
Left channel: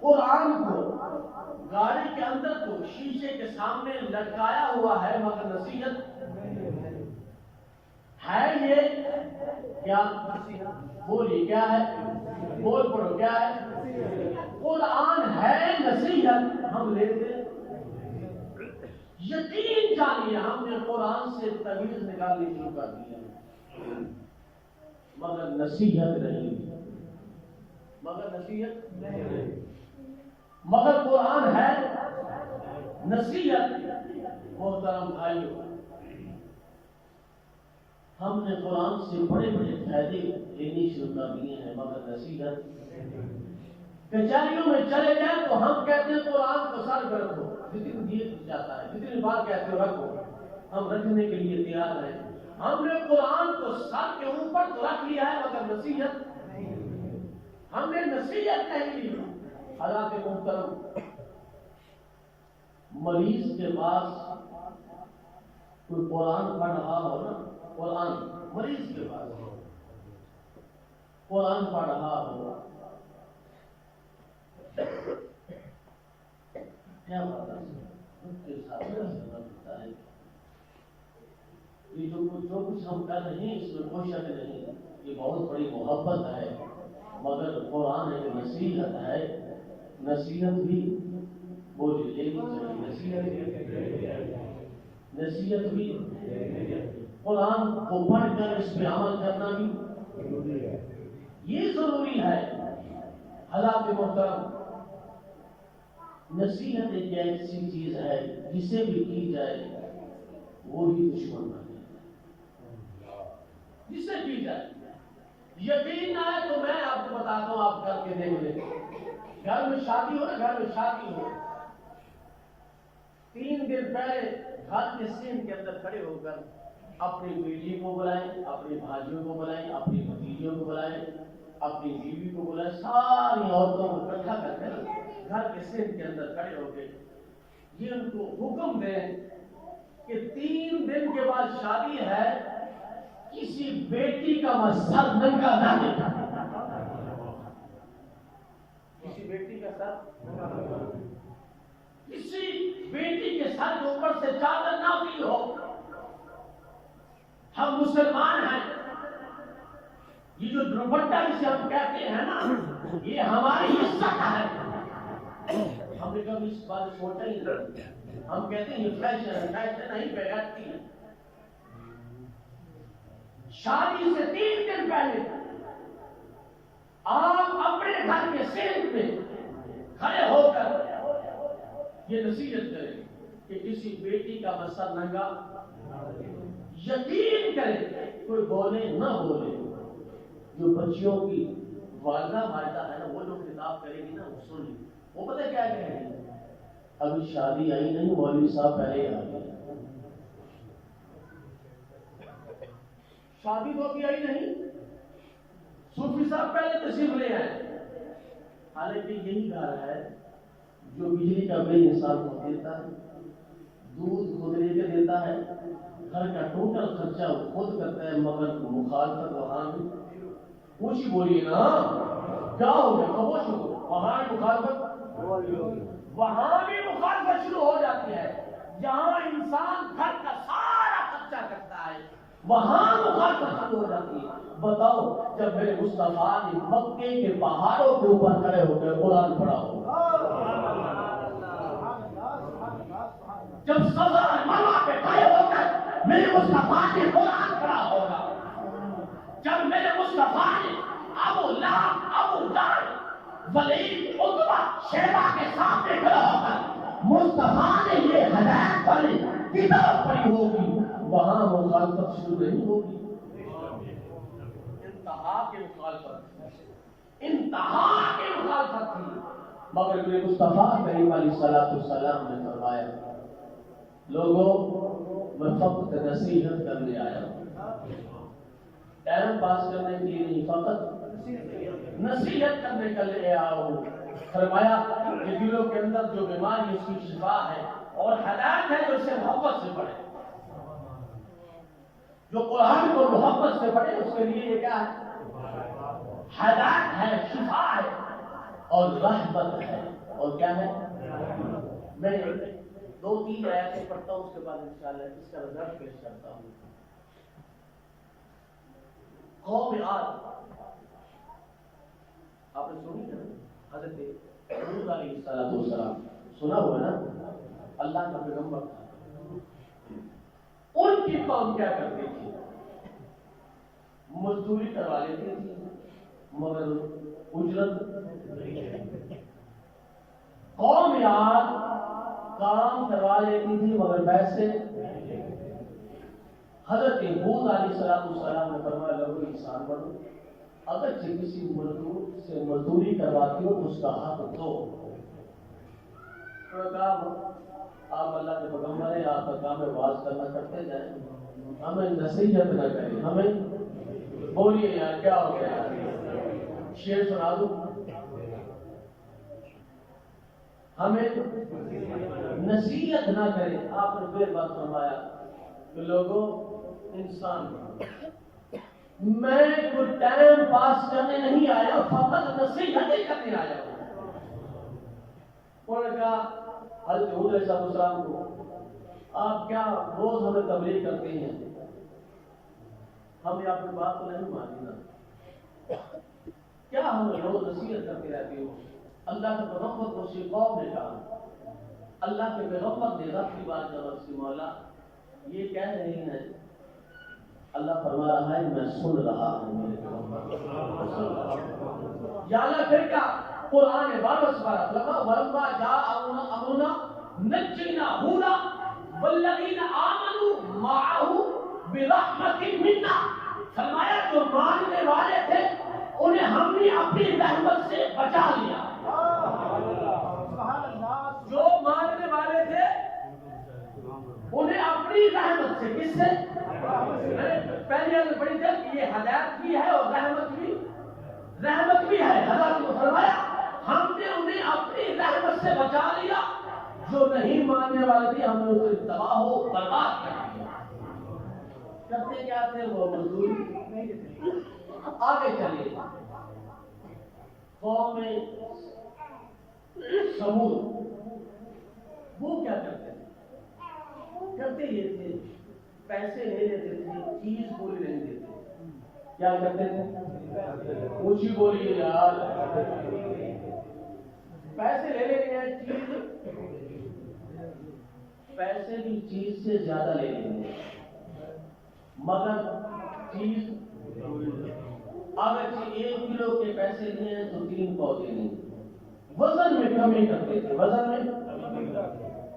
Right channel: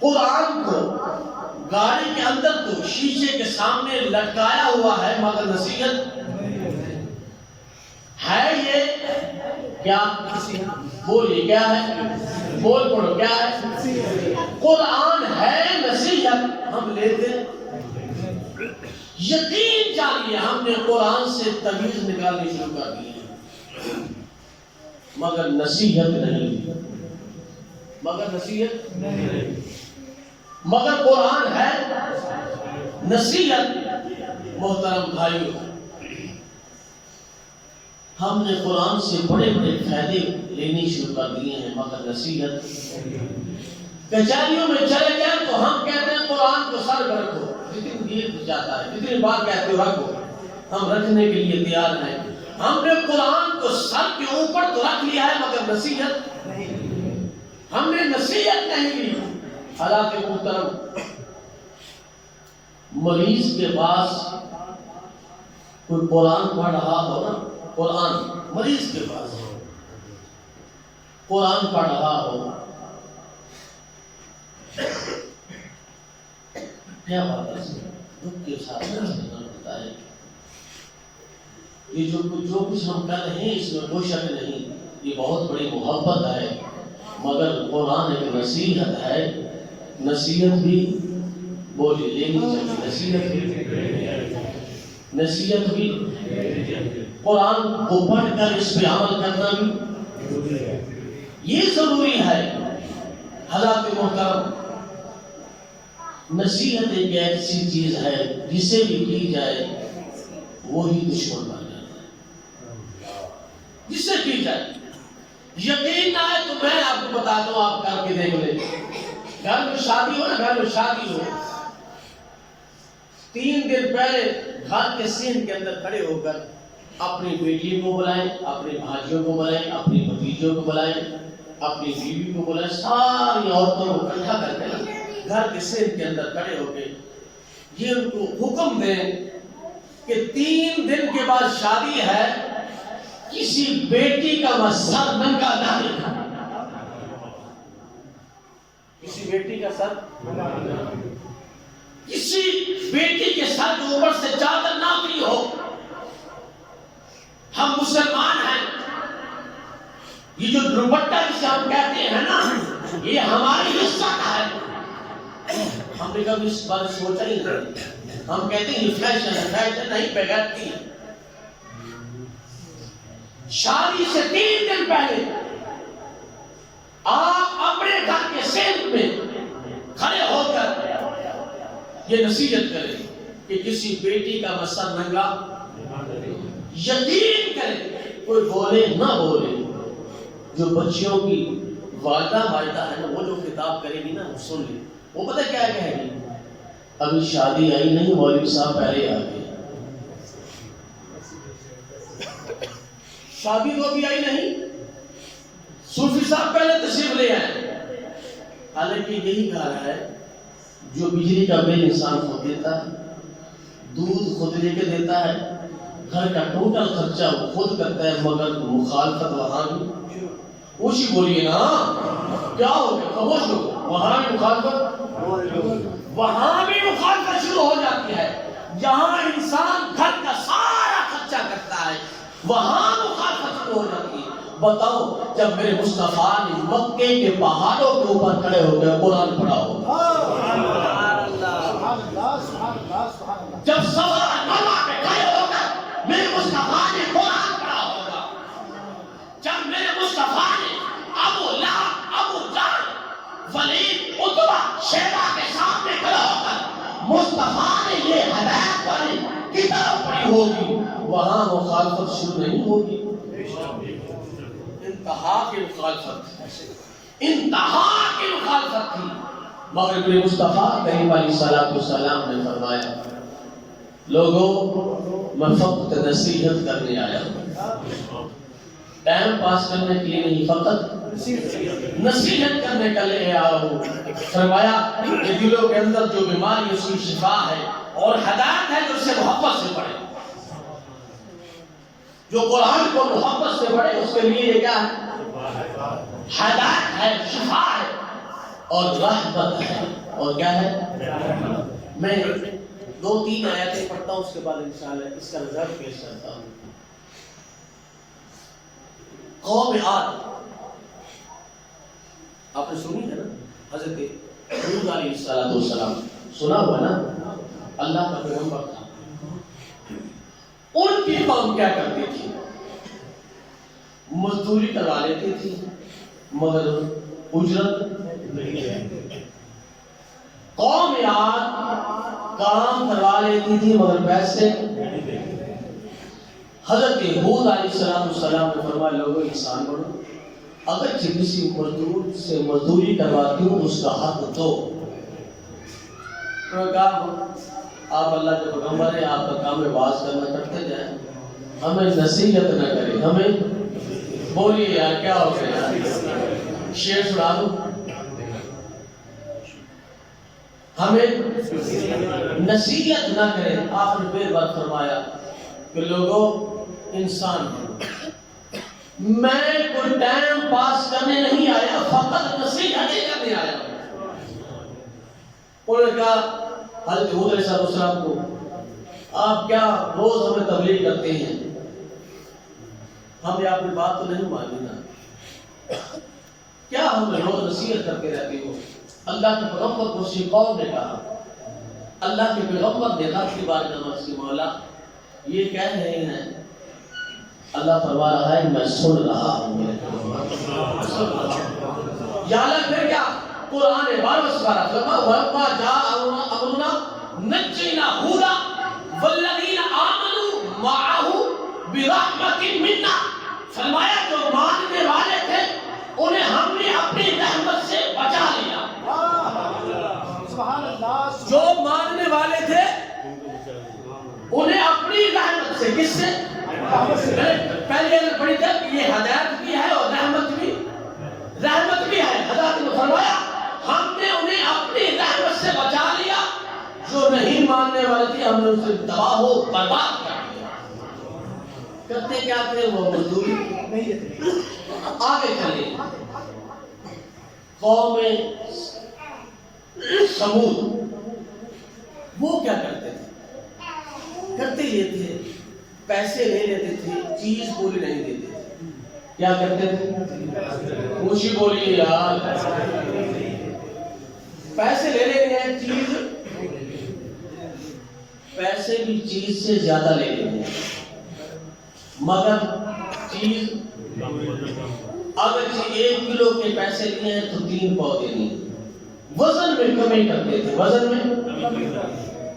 قرآن کو گاڑی کے اندر تو شیشے کے سامنے لٹکایا ہوا ہے، مگر نصیحت ہے یہ کیا؟ بولیے کیا ہے؟ بول پڑھو کیا ہے؟ قرآن ہے نصیحت، ہم لیتے یقین جانیے ہم نے قرآن سے تعویذ نکالنی شروع کر دی ہے، مگر نصیحت نہیں، مگر نصیحت نہیں، مگر قرآن ہے نصیحت۔ محترم بھائیوں، ہم نے قرآن سے بڑے بڑے فائدے لینے شروع کر دیے ہیں، مگر نصیحت۔ کچہریوں میں چلے جائیں تو ہم کہتے ہیں قرآن کو سر پر رکھو، جتنی دیر جاتا ہے جتنی بار کہتے ہو رکھو، ہم رکھنے کے لیے تیار ہیں۔ ہم نے قرآن کو سر کے اوپر تو رکھ لیا ہے، مگر نصیحت ہم نے نصیحت نہیں لی۔ حالانکہ محترم، مریض کے پاس کوئی قرآن پڑھ رہا ہو نا، قرآن مریض کے پاس قرآن پڑھ رہا ہو، کیا بات ہے، دکھ کے ساتھ ہوتا ہے۔ یہ جو کچھ ہم کر رہے ہیں اس میں کوئی شک نہیں، یہ بہت بڑی محبت ہے، مگر قرآن ایک نصیحت ہے۔ نصیحت بھی بولی لینی چاہیے، نصیحت بھی قرآن کو پڑھ کر اس پہ عمل کرنا بھی یہ ضروری ہے۔ حضرات محترم، نصیحت ایک ایسی چیز ہے جسے بھی کی جائے وہی دشمن بن جاتا ہے، جسے کی جائے یقین نہ ہے تو میں آپ کو بتاتا ہوں، آپ کر کے دیکھ لیں۔ گھر میں شادی ہو نا، گھر میں شادی ہو، 3 دن پہلے گھر کے سین کے اندر کھڑے ہو کر اپنی بیٹی کو بلائیں، اپنی بھانجیوں کو بلائیں، اپنی بھتیجوں کو بلائیں، اپنی بیوی کو بلائیں، ساری عورتوں کو اکٹھا کر کے گھر کے سین کے اندر کھڑے ہو کے یہ ان کو حکم دیں کہ 3 دن کے بعد شادی ہے، کسی بیٹی کا سر ننگا نہ دکھا، کسی بیٹی کا سر، کسی بیٹی کے سر کے اوپر سے چادر نہ اتری ہو۔ ہم مسلمان ہیں، یہ جو دوپٹہ جسے ہم کہتے ہیں نا، یہ ہماری عزت ہے۔ ہم نے کبھی اس بات سوچا ہی نہیں، ہم کہتے ہیں یہ فیشن ہے، فیشن نہیں بغیرتی ہے۔ شادی سے 3 دن پہلے آپ اپنے گھر کے سینٹ میں کھڑے ہو کر یہ نصیحت کریں کہ کسی بیٹی کا مسر ننگا، یقین کریں کوئی بولے نہ بولے، جو بچیوں کی والدہ ہے نا، وہ جو خطاب کرے گی نا، سن لیں، وہ پتہ کیا کہے گی؟ ابھی شادی آئی نہیں، مولوی صاحب پہلے آ گئے، شادی تو ابھی آئی نہیں، صوفی صاحب پہلے تشریف لے آئے۔ حالانکہ یہی گھر ہے جو بجلی کا بل انسان خود دیتا ہے، دودھ خود لے کے دیتا ہے، گھر کا ٹوٹل خرچہ وہ خود کرتا ہے، مگر مخالفت وہاں بھی اوشی بولیے نا، کیا ہو گیا؟ خاموش ہو، وہاں بھی مخالفت، وہاں بھی مخالفت شروع ہو جاتی ہے۔ جہاں انسان گھر کا سارا خرچہ کرتا ہے وہاں مخالفت شروع ہو جاتی ہے۔ بتاؤ، جب میرے مصطفیٰ نے مکے کے پہاڑوں کے اوپر کھڑے ہو گئے قرآن پڑھا ہوگا، جب صفا مروا پہ کھڑے ہو کر میرے مصطفیٰ نے قرآن پڑھا ہوگا، جب میرے مصطفیٰ نے ابو لہب، ابو جہل، ولید، عتبہ، شیبہ کے سامنے کھڑا ہو کر دعوت شروع نہیں ہوگی. انتہا کی مخالفت تھی. مگر مصطفیٰ کریم علیہ السلام نے فرمایا لوگوں میں فقط نصیحت کرنے آیا ہوں، ٹائم پاس کرنے کے لیے نہیں، فقط نصیحت کرنے کے لیے آیا ہوں. فرمایا کہ دلوں کے اندر جو بیماری اس کی شفا ہے اور ہدایت ہے جو اسے محبت سے پڑھے، جو قرآن کو محبت سے پڑھے اس کے لیے یہ کیا ہے؟ ہدایت ہے، شفا ہے اور رحمت ہے. اور کیا ہے؟ میں 2-3 آیتیں پڑھتا ہوں، اس کے بعد انشاءاللہ اس کا نظر پیش کرتا ہوں. قوم عاد آپ نے سنی ہے نا، حضرت ہود علیہ السلام سنا ہوا نا، اللہ کا پیغمبر تھا. ان کی قوم کیا کرتی تھی؟ مزدوری کروا لیتی تھی مگر اجرت نہیں. قوم عاد کام کروا لیتی تھی مگر پیسے. حضرت ہود علیہ السلام نے فرمایا لوگوں انسان بنو، اگر کسی مزدور سے مزدوری کرواتی ہوں اس کا حق دو. آپ اللہ کے پیغمبر ہیں، آپ کا کام ہے واز کرنا، کرتے جائیں، ہمیں نصیحت نہ کریں. ہمیں بولیے یار کیا ہو گیا یار، شعر سنا دو. ہمیں نصیحت نہ کریں. آپ نے بے بات فرمایا کہ لوگوں انسان میں کوئی ٹائم پاس کرنے نہیں آیا، فقط نصیحت ہی کرنے آیا ہوں. انہوں نے کہا حضرت ہود علیہ السلام کو آپ کیا روز ہمیں تبلیغ کرتے ہیں، ہمیں آپ کی بات تو نہیں مانی نا، کیا ہمیں روز نصیحت کرتے رہتے ہو؟ اللہ کے پیغمبر کو اسی قوم نے کہا. اللہ کے پیغمبر نے رب کی بارگاہ میں اس کی مولا یہ کہہ رہے ہیں، اللہ فرما رہا ہے میں سن رہا ہوں میرے پیغمبر. یا اللہ پھر کیا قرآن 12 سپارہ وَلَمَّا جَاءَ أَمْرُنَا نَجَّيْنَا هُودًا وَالَّذِينَ آمَنُوا مَعَهُ بِرَحْمَةٍ مِنَّا. فرمایا جو ماننے والے تھے انہیں ہم نے اپنی رحمت سے بچا لیا. جو ماننے والے تھے انہیں اپنی رحمت سے، کس سے؟ پہلے بڑی تک یہ ہدایت بھی ہے اور رحمت بھی ہے. حضرت نے فرمایا ہم نے انہیں اپنی رحمت سے بچا لیا. جو نہیں ماننے والے تھے ہم نے اسے تباہ و برباد کر دیا. کرتے کیا تھے وہ مزدوری نہیں دیتے. آگے چلے قوم سمود، وہ کیا کرتے تھے؟ کرتے یہ تھے پیسے لے لیتے تھے، چیز پوری نہیں دیتے تھے. کیا کرتے تھے؟ اونچی بولیے یار. پیسے لے لیتے ہیں، چیز پیسے بھی چیز سے زیادہ لے لیتے ہیں مگر چیز اگر 1 کلو کے پیسے لیے ہیں تو 3 پاؤ دینی. وزن میں کمی کرتے تھے، وزن میں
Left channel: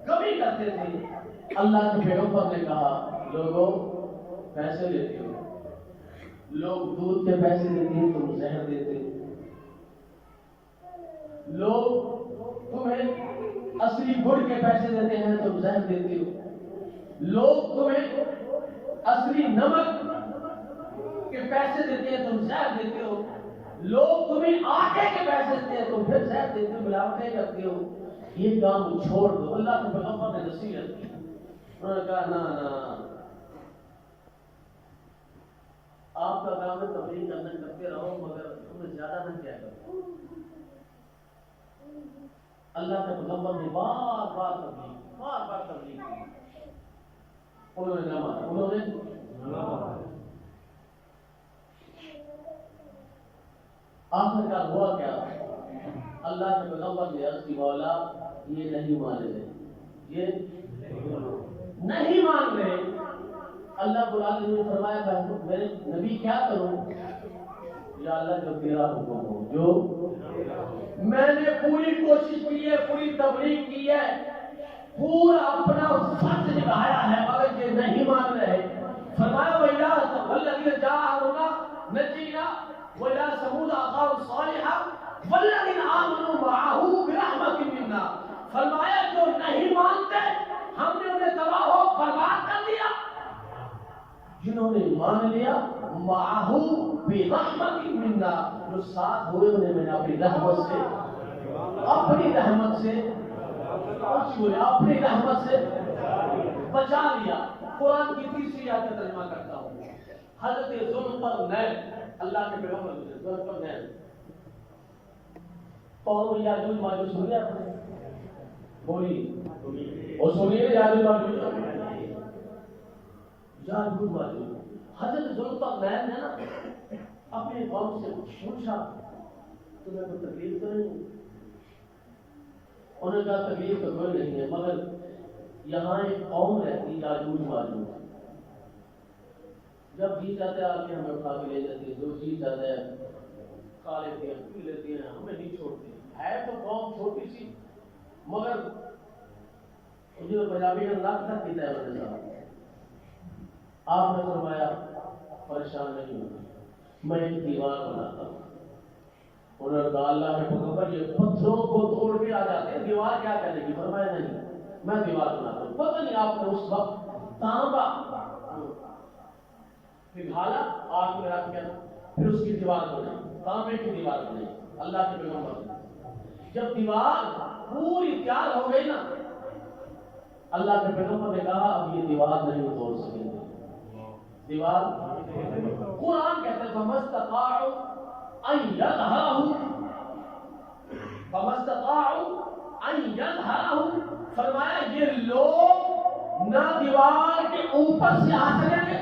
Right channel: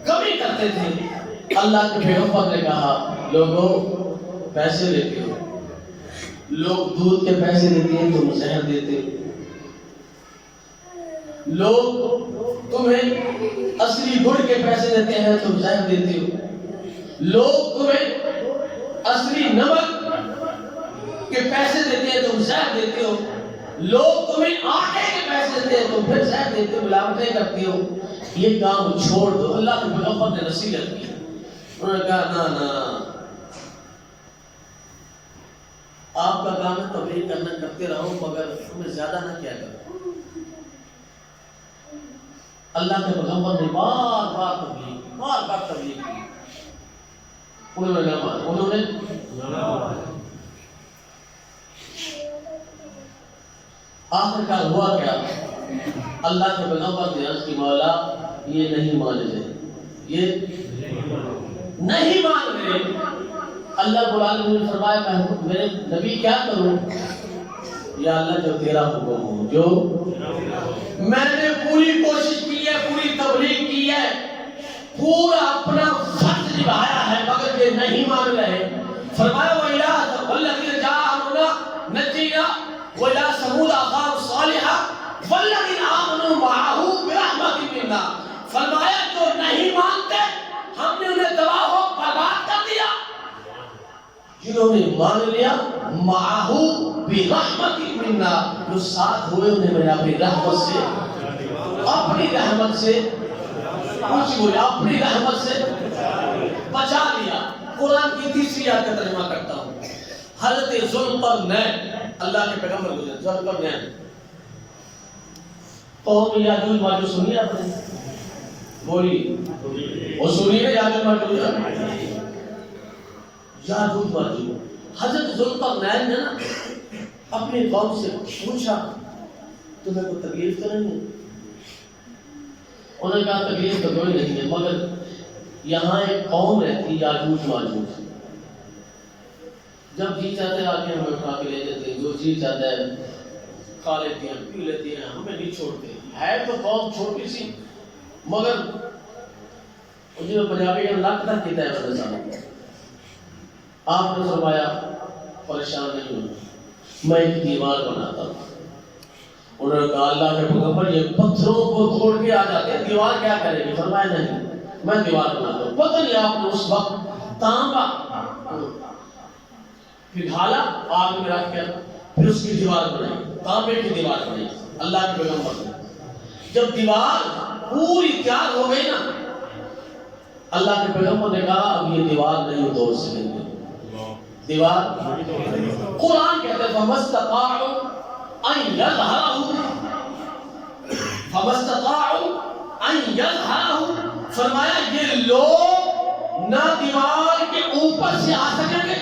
کمی کرتے تھے. اللہ کے پیغمبر نے کہا لوگوں پیسے لیتے ہو، لوگ دودھ کے پیسے دیتے ہیں تم زہر دیتے ہو. لوگ تمہیں اصلی گڑ کے پیسے دیتے ہیں تم زہر دیتے ہو. لوگ تمہیں اصلی نمک کے پیسے دیتے ہیں تم زہر دیتے ہو. لوگ تمہیں آٹے کے پیسے دیتے ہیں تم پھر زہر دیتے ہو، ملاوٹیں کرتے ہو. یہ کام چھوڑ دو. اللہ کے پیغمبر نے نصیحت کی. انہوں نے کہا نا آپ کا کام ہے تبلیغ کرنا، کرتے رہو مگر تمہیں زیادہ نہ کیا کرو. اللہ کے پیغمبر نے بار بار تبلیغ کی. انہوں نے آخر کار ہوا کیا؟ اللہ کے پیغمبر نے عرض کی مولا یہ نہیں مان رہے، یہ نہیں مان رہے. اللہ رب العالمین نے فرمایا میرے نبی کیا کروں؟ یا اللہ جو تیرا حکم ہو. جو میں نے پوری کوشش کی ہے، پوری تبلیغ کی ہے، پورا اپنا فرض نبھایا ہے مگر یہ نہیں مان رہے. فرمایا وہ جنہوں نے مان لیا معاہو برحمت منا، جو ساتھ ہوئے انہیں میں نے اپنی رحمت سے کچھ بولے اپنی رحمت سے بچا لیا۔ قرآن کی تیسری آیت کا ترجمہ کرتا ہوں۔ حضرت ذوالقرنین، اللہ کے پیغمبر گزرے ذوالقرنین، قوم یاجوج ماجوج سنی آپ نے؟ بولی وہ سنیے نا، یاجوج ماجوج یاجوج ماجوج۔ حضرت ذوالقرنین نے نا اپنی قوم سے پوچھا تمہیں کوئی تکلیف تو نہیں ہے؟ انہوں نے کہا تکلیف تو کوئی نہیں ہے، مگر یہاں ایک قوم رہتی یاجوج ماجوج، جب جی چاہتے آ کے ہمیں اٹھا کے لے جاتے ہیں، جو جی چاہتا ہے کھا لیتے ہیں پی لیتے ہیں، ہمیں نہیں چھوڑتے۔ ہے تو قوم چھوٹی سی، مگر جو پنجابی کا لگتا کہتا ہے بدل صاحب، آپ نے فرمایا پریشان نہیں ہونا، میں ایک دیوار بناتا ہوں۔ انہوں نے کہا اللہ کے پیغمبر یہ پتھروں کو توڑ کے آ جاتے ہیں، دیوار کیا کرے گی؟ فرمایا نہیں، میں دیوار بناتا ہوں۔ پتہ نہیں آپ نے اس وقت تانبا پگھالا آگ میں رکھ کر، پھر اس کی دیوار بنائی، تانبے کی دیوار بنائی اللہ کے پیغمبر نے۔ جب دیوار پوری تیار ہو گئی نا، اللہ کے پیغمبر نے کہا اب یہ دیوار نہیں توڑ سکیں گے۔ دیوار قرآن کہتے ہیں فَمَسْتَطَاعُوا أَن يَظْهَرَهُ، فرمایا یہ لوگ نہ دیوار کے اوپر سے آ سکیں گے،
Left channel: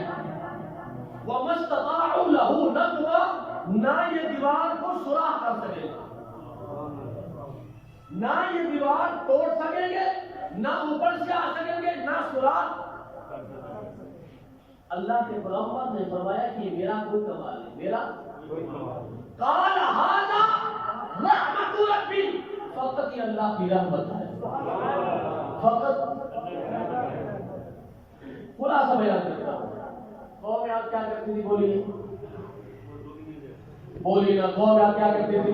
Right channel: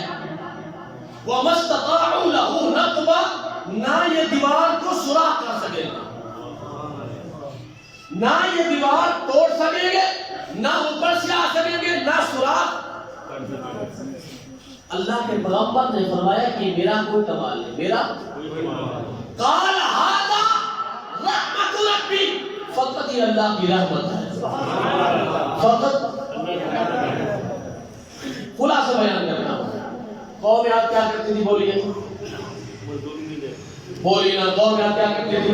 وَمَسْتَطَاعُوا لَهُ نَقْبًا، نہ یہ دیوار کو سوراخ کر سکیں گے، نہ یہ دیوار توڑ سکیں گے، نہ اوپر سے آ سکیں گے، نہ سوراخ۔ اللہ کے پیغمبر نے فرمایا کہ میرا کوئی کمال نہیں، میرا قال ھذا رحمت ربی، فقط یہ اللہ کی رحمت ہے، فقط۔ خلاصہ بیان کرتا ہوں، قوم یاد کیا کرتی تھی؟ بولیے بولیے نا، قوم یاد کیا کرتی تھی؟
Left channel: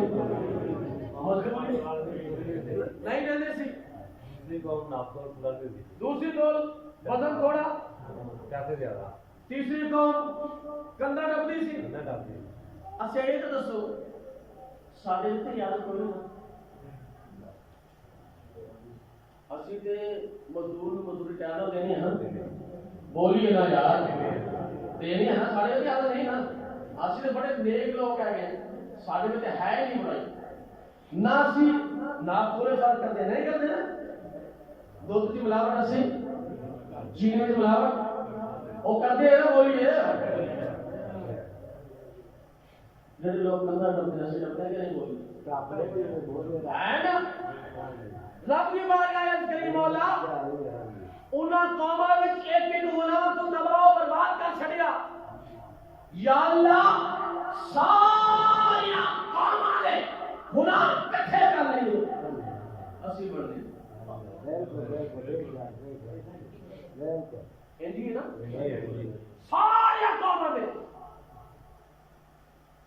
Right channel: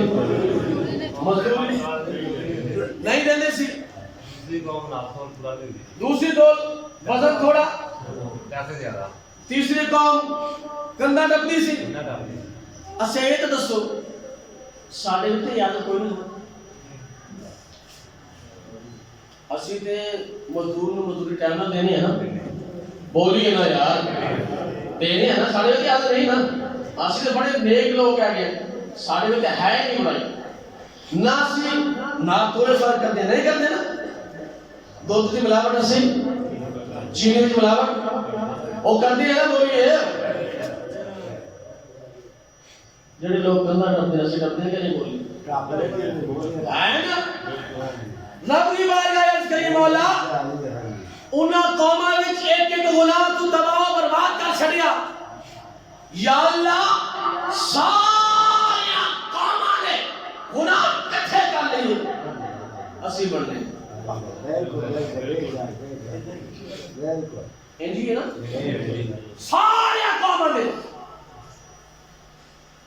مزدوری نہیں دینے سی، دوسری دول وزن تھوڑا، تیسری قوم گندا ڈبدی سی۔ اچھا یہ تو دسو ساڈے اتنے یاد کوئی نہیں، اسی تے مزدور نو مزدوری ٹائم نہ دینی ہے نا، بولیے نا یار، دینی ہے نا، ساڈے اتنے یاد نہیں نا، اسی تے بڑے نیک لوگ کہہ گئے، ساڈے اتنے ہے ہی نہیں بڑائی، نہ اسی نہ تھوڑے فرق کرتے نہیں کرتے نا، دودھ کی ملاوٹ اسی چینی کی ملاوٹ وہ کرتی ہے نا، وہی ہے جڑے لوگ گندا ڈبتے ہیں، ڈبتے ہیں کہ نہیں؟ بولی ہے نا، رب کی بارگاہ عرض کری مولا انہاں قوماں وچ ایک ایک غلام تو تباہ و برباد کر چھڑیا، یا اللہ ساری قوماں دے گناہ کٹھے کر لئے اسی بڑھنے انجی ہے نا، ساری قوماں دے۔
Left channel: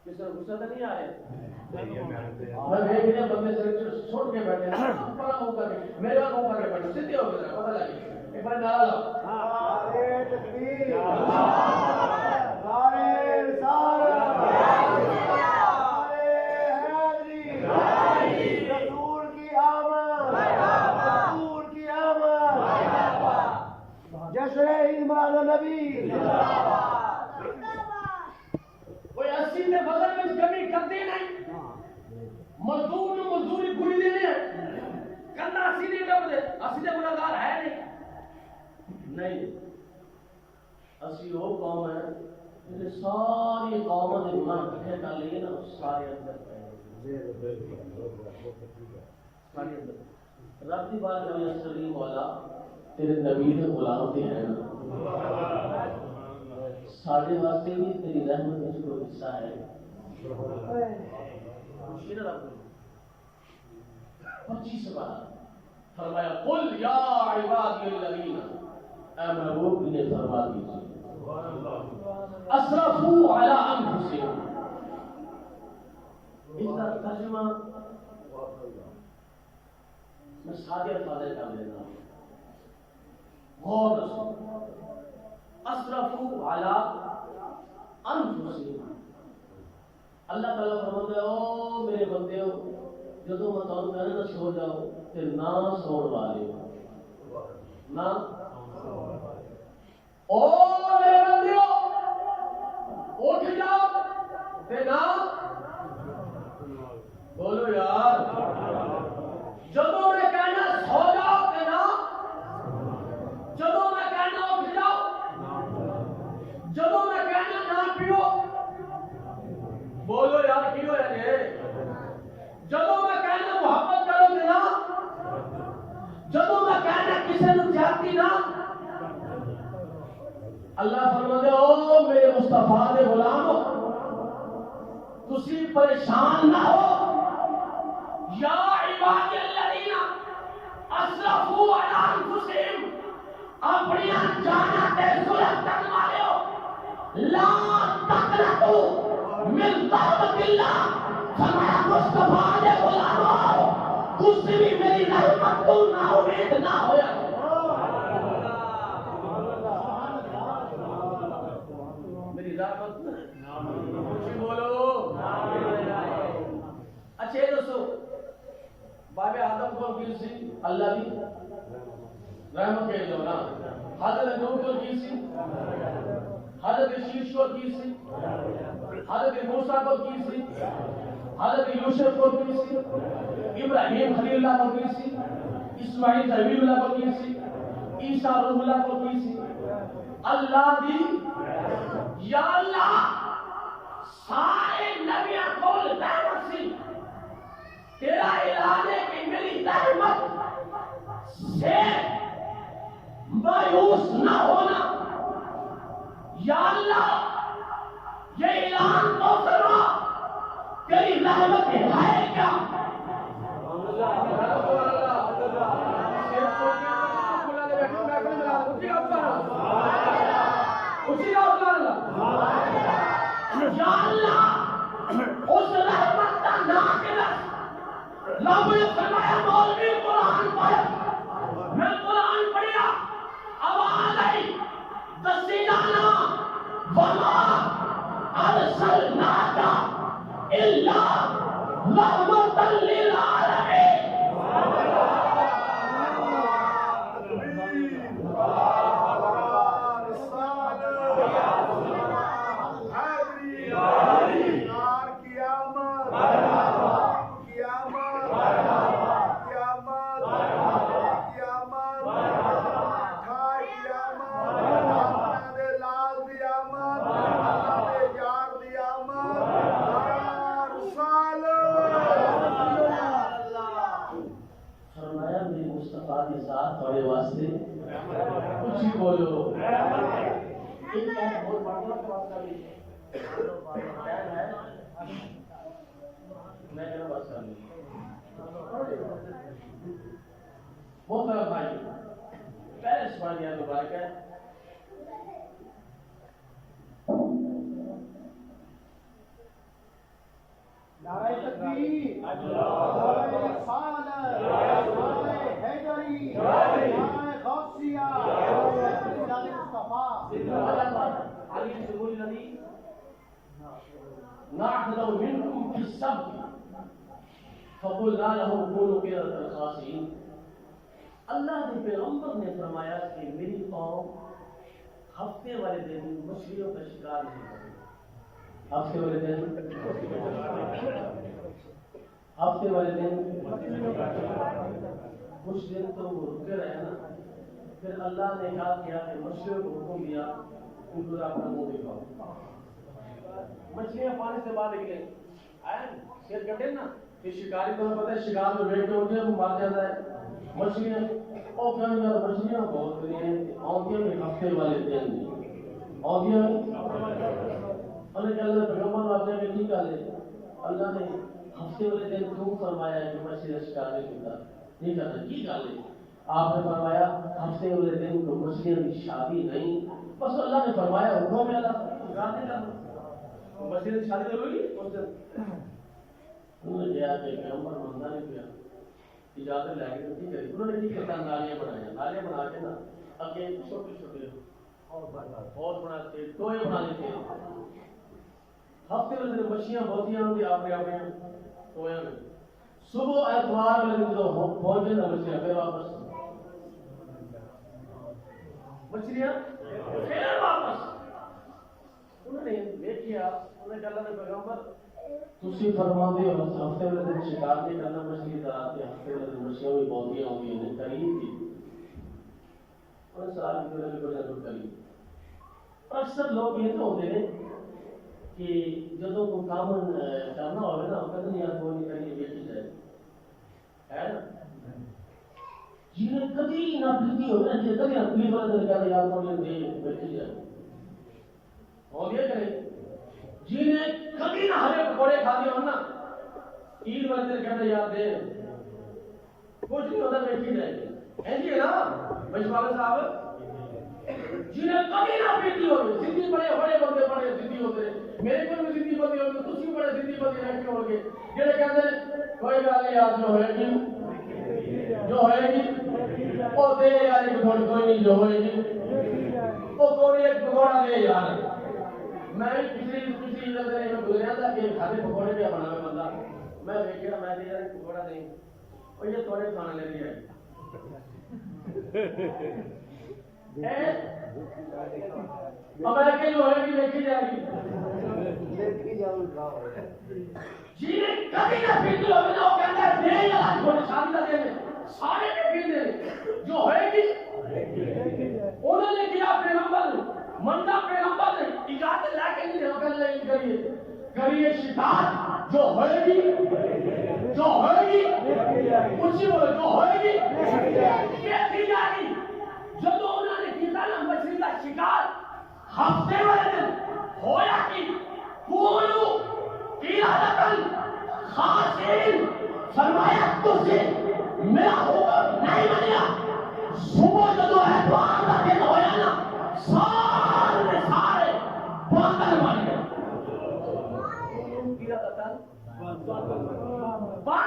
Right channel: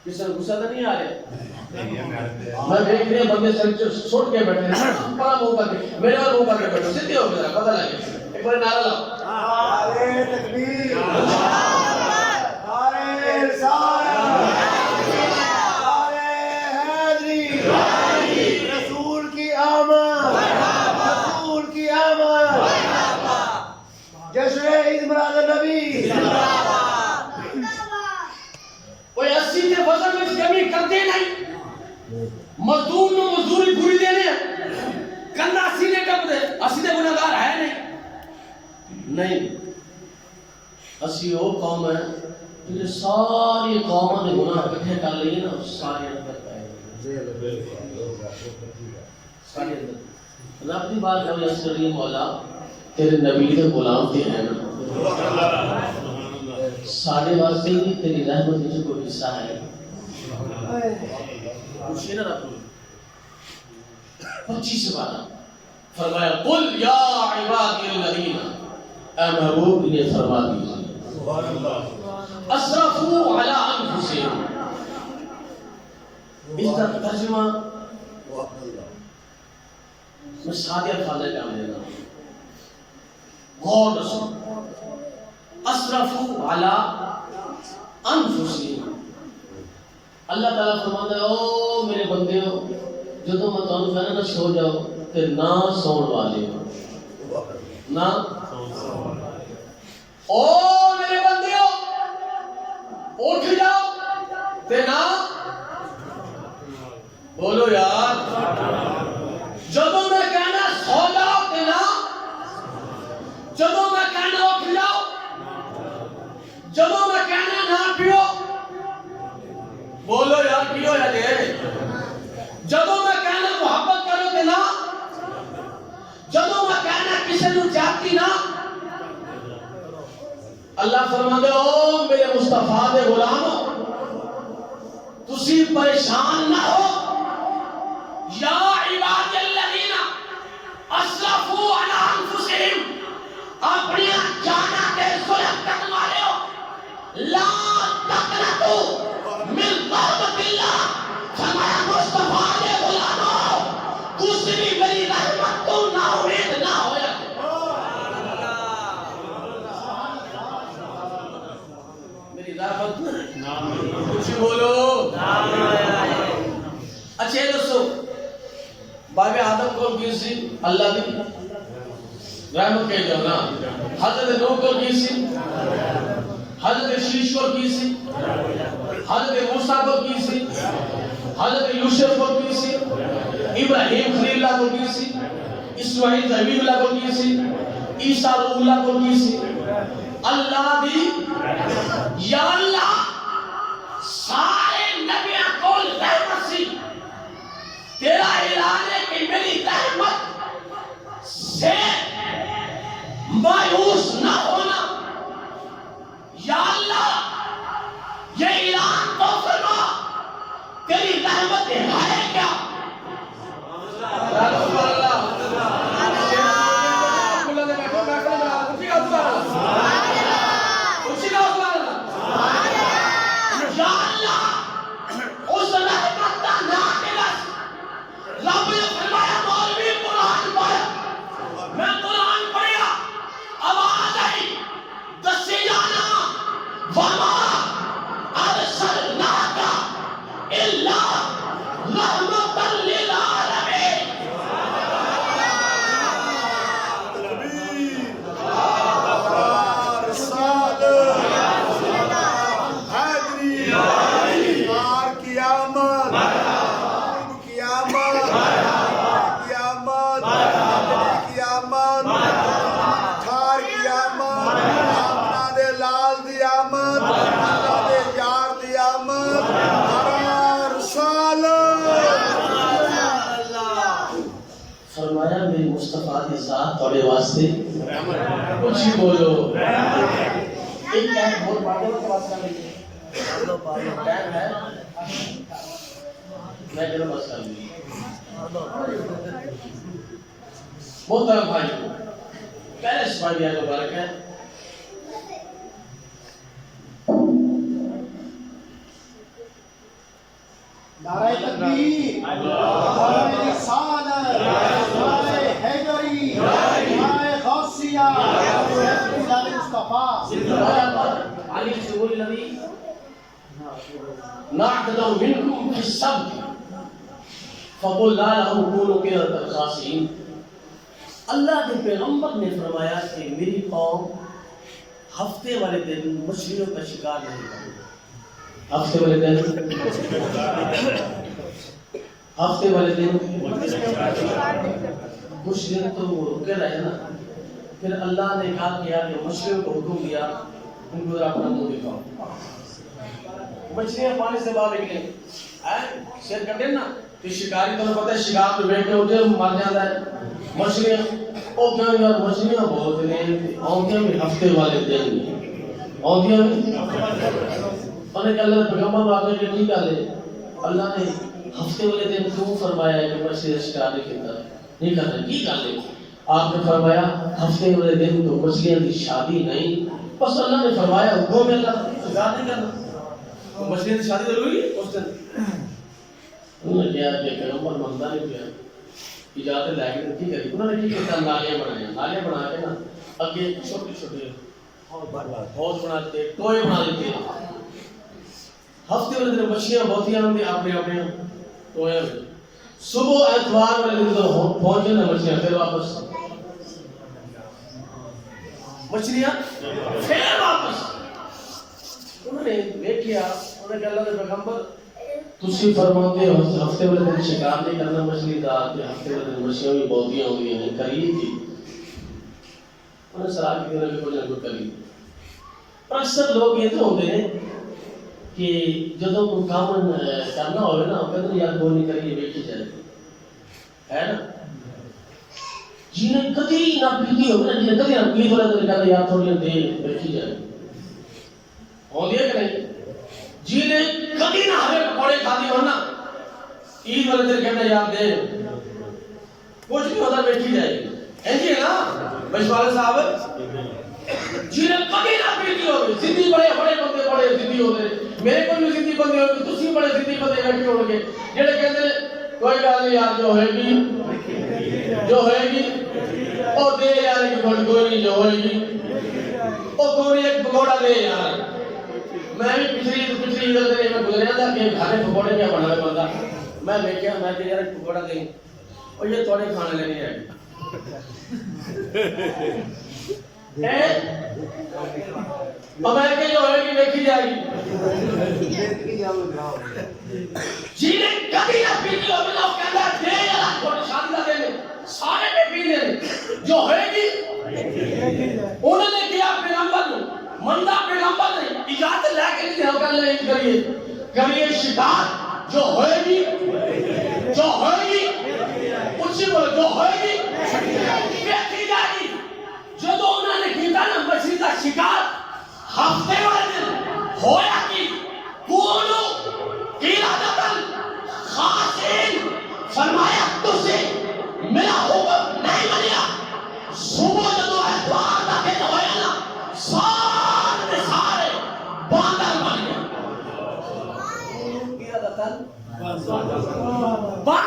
کسی نے غصہ تو نہیں آ رہے؟ میں دیکھ رہے بندے سر چھوٹ کے بیٹھے ہیں، بڑا منہ کر کے میرے اور منہ کر کے بیٹھے، سیدھے ہو گیا، پتہ لگے ایک بار نعرہ لاؤ، نعرہ تکبیر، نعرہ رسالت، نعرہ حیدری، رسول کی آمد، رسول کی آمد، جشن عید میلاد النبی۔ کوئی اسی کے وزن میں کمی کرتے نہیں، مزدور نو مزدوری پوری دینے ہیں، کندہ سینے کب دے، اسی دے گناہگار ہے نہیں، اسی وہ قوم ہے جنہیں ساری قوموں نے گناہ اکٹھے کر لیے نا، سارے اندر پائے سارے اندر۔ رب دی بات ہمیں اس کریے مولا تیرے نبی کے غلام کے ہیں نا، ساڑھے واسطے ہی تیری رحمت میں کوئی حصہ ہے، پوچھئے نا رب 25 بارہ فرمایا قل یا عبادی الذین، اے محبوب انہیں فرما دیجئے اسرفوا علی انفسہم، اس کا ترجمہ میں سادہ الفاظ کا لینا غور رسول، اسرفوا علی انفسہم. اللہ تعالیٰ فرماتا ہے او میرے بندیوں جدوں میں تانوں کہنا نہ سو جاؤ تے نہ سون والے ہو نہ او میرے بندیوں اٹھ جاؤ تے نہ بولو یار جدوں میں کہنا سو جاؤ تے نہ جدوں میں کہنا اٹھ جاؤ جدوں میں کہنا نہ پیو بولو یار کی ہویا جی جدوں میں کہنا محبت کرو تے نہ جدوں میں کہنا کسی نو جاتی نہ اللہ فرماتے او میرے مصطفیٰ دے غلامو تسی پریشان نہ ہو یا عباد الذین اسرفوا علی انفسہم اپنی جاناں تے ظلم کرنے والے ہو لا تقنطوا من رحمت اللہ فرمایا مصطفیٰ دے غلامو تسی بھی میری رحمت تو نا امید نہ ہویا میری رحمت کچھ بولو اچھا یہ دوستو باب آدم کو کی سی اللہ دی رحمت کہہ جاؤ نا حضرت نوح کو کی سی حضرت شیش کو کی سی حضرت موسیٰ کو کی سی حضرت یوسف کو کی سی ابراہیم خلیل اللہ کو کی سی اسماعیل حبیب اللہ کو کی سی عیسیٰ روح اللہ کو کی سی اللہ دی یا اللہ سارے نبیوں کو رحمت سی تیرا اعلان ہے کہ میری رحمت سے مایوس نہ ہونا یا اللہ یہ اعلان تو فرما تیری رحمت ہے کیا یا اللہ اس رحمت کا ناقص رب نے فرمایا مولوی قرآن پڑھ میں قرآن پڑھیا آواز آئی دسی جانا وما ارسلناک الا رحمۃ للعالمین فرمایا میری مصطفیٰ کی ذات توڑے واسطے کچھ ہی بولو ایک ٹائم بہت پاگل کا واسطہ نہیں ٹائم ہے میں کہوں بس کر لی بہت طرح بھائی پہلے سمالیہ جو بارک ہے نعرہ تکبیر نعرہ رسالت نعرہ حیدری نعرہ غوثیہ نعرہ مصطفیٰ علی سبول الذی نعتدوا منکم فی السبت فقلنا لهم كونوا قردة خاسئین اللہ کے پیغمبر نے فرمایا کہ میری قوم ہفتے والے دن مچھلیوں کا شکار نہیں کرے ہفتے والے دن کچھ دن تو رکے رہے نا پھر اللہ نے کہا کیا کہ مچھلیوں کو حکم دیا ان کو اپنا منہ دکھاؤ مچھلیاں پانی سے باہر نکلیں شیر کرتے نا کہ شکاری تو پتہ ہے شکار میں بیٹھے ہوتے ہیں مر جاتا ہے مچھلیاں او کیا یار مچھلیاں بہت نے آنکھیں بھی ہفتے والے دن آنکھیں بھی انہیں کہ اللہ پیغمبر واقعہ کے نہیں ڈالے اللہ نے ہفتے والے دن کیوں فرمایا ہے کہ مچھلی شکار نہیں کرنا کی ڈالے آپ نے فرمایا ہفتے والے دن تو مچھلیاں کی شادی نہیں بس اللہ نے فرمایا حکم ہے اللہ شکار نہیں کرنا مچھلیاں کی شادی ضروری ہے اس دن انہوں نے کہا کہ پیغمبر مندہ نہیں کیا اجازت لے کے کی کری انہوں نے کی کہتا نالیاں بنایا نالیاں بنا کے نا اگے چھوٹے چھوٹے حوض بناتے ٹوئے بنا دیتے ہفتے والے دن مچھلیاں بہتیاں ہوں گی اپنے اپنے ٹوئے میں صبح اتوار والے دن تو پہنچے نا مچھلیاں پھر واپس مچھلیاں پھر واپس انہوں نے دیکھیا انہوں نے کہا اللہ کے پیغمبر تسی فرماتے ہو ہفتے والے دن شکار نہیں کرنا مچھلی کا ہفتے والے دن مچھلیاں بھی بہتیاں ہوں گی کری تھی انہیں سراغ کی دنوں میں کوئی جنگل کری پر اکثر لوگ یہ تو ہوتے ہیں کہ جدوں کوئی کام کرنا ہوئے نا کہتے ہیں یار کوئی نہیں کریے بیٹھی جائے ہے نا جنہیں کدی نہ پیتی ہوگی نا جنہیں کدی نہ پیت ہوگا تو کہتے ہیں یار تھوڑی دیر بیٹھی جائے ہو دیا کہ نہیں جنہیں کدی نہ ہمیں پکوڑے کھاتی ہو نا عید والے دن کہتے ہیں یار دے کچھ نہیں ہوتا بیٹھی جائے گی ایسی ہے نا بشوالہ صاحب جنہیں کبھی نہ پیتی ہوگی زندی بڑے بندے بڑے زندی ہوتے میرے کو بھی زندی بندے ہوگی تسی بڑے زندی بندے بیٹھے ہوں گے جڑے کہتے ہیں کوئی گل نہیں یار جو ہوئے گی او دے یار کوئی نہیں جو ہوئے گی او کوئی ایک پکوڑا دے یار میں بھی پچھلی عید سے میں گزریا تھا کہ کھانے پکوڑے کیا بنا رہے بندہ میں دیکھا میں کہ یار پکوڑا دیں اور یہ تھوڑے کھانے لینے آئے امریکہ جو ہے کہ دیکھی جائے گی جنہیں کبھی نہ پیتی ہوگی نا وہ کہتا ہے دے یار تھوڑی شادی کا دے سارے پہ پی لے جو ہوئے گی انہوں نے کیا پیغمبر مندہ پیغمبر نے اجازت لے کے نہیں ہو کر کریے شکار جو ہوئے گی کچھ بولے جو ہوئے گی بیٹھی جائے گی جدو انہوں نے کیتا نا مچھلی کا شکار ہفتے والے دن ہویا کی کونو قیادتن خاصین فرمایا تجھے میرا حکم نہیں منیا صبح جدو اتوار کا دن ہویا نا سارے باندر بن گئے قیادتن باندر بن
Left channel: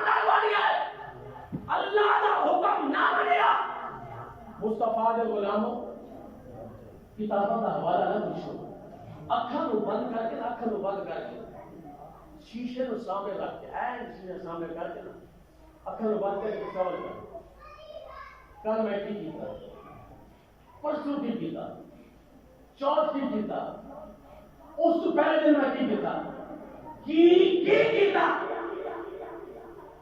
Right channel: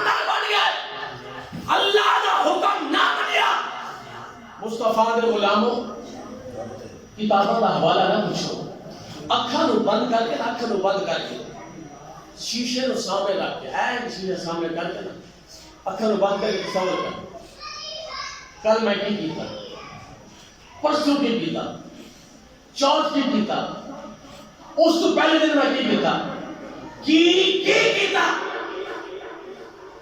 گئے اللہ کا حکم نہ منیا مصطفیٰ دے غلاموں کتابوں کا حوالہ نہ پوچھو اکھاں نو بند کر کے شیشے نو سامنے رکھ کے این شیشے سامنے کر کے نا اکھاں نو بند کر کے تصور کر کل میں کی کیتا پرسوں کی کیتا چوتھ کی کیتا اس تو پہلے دن میں کی کیتا کی کیتا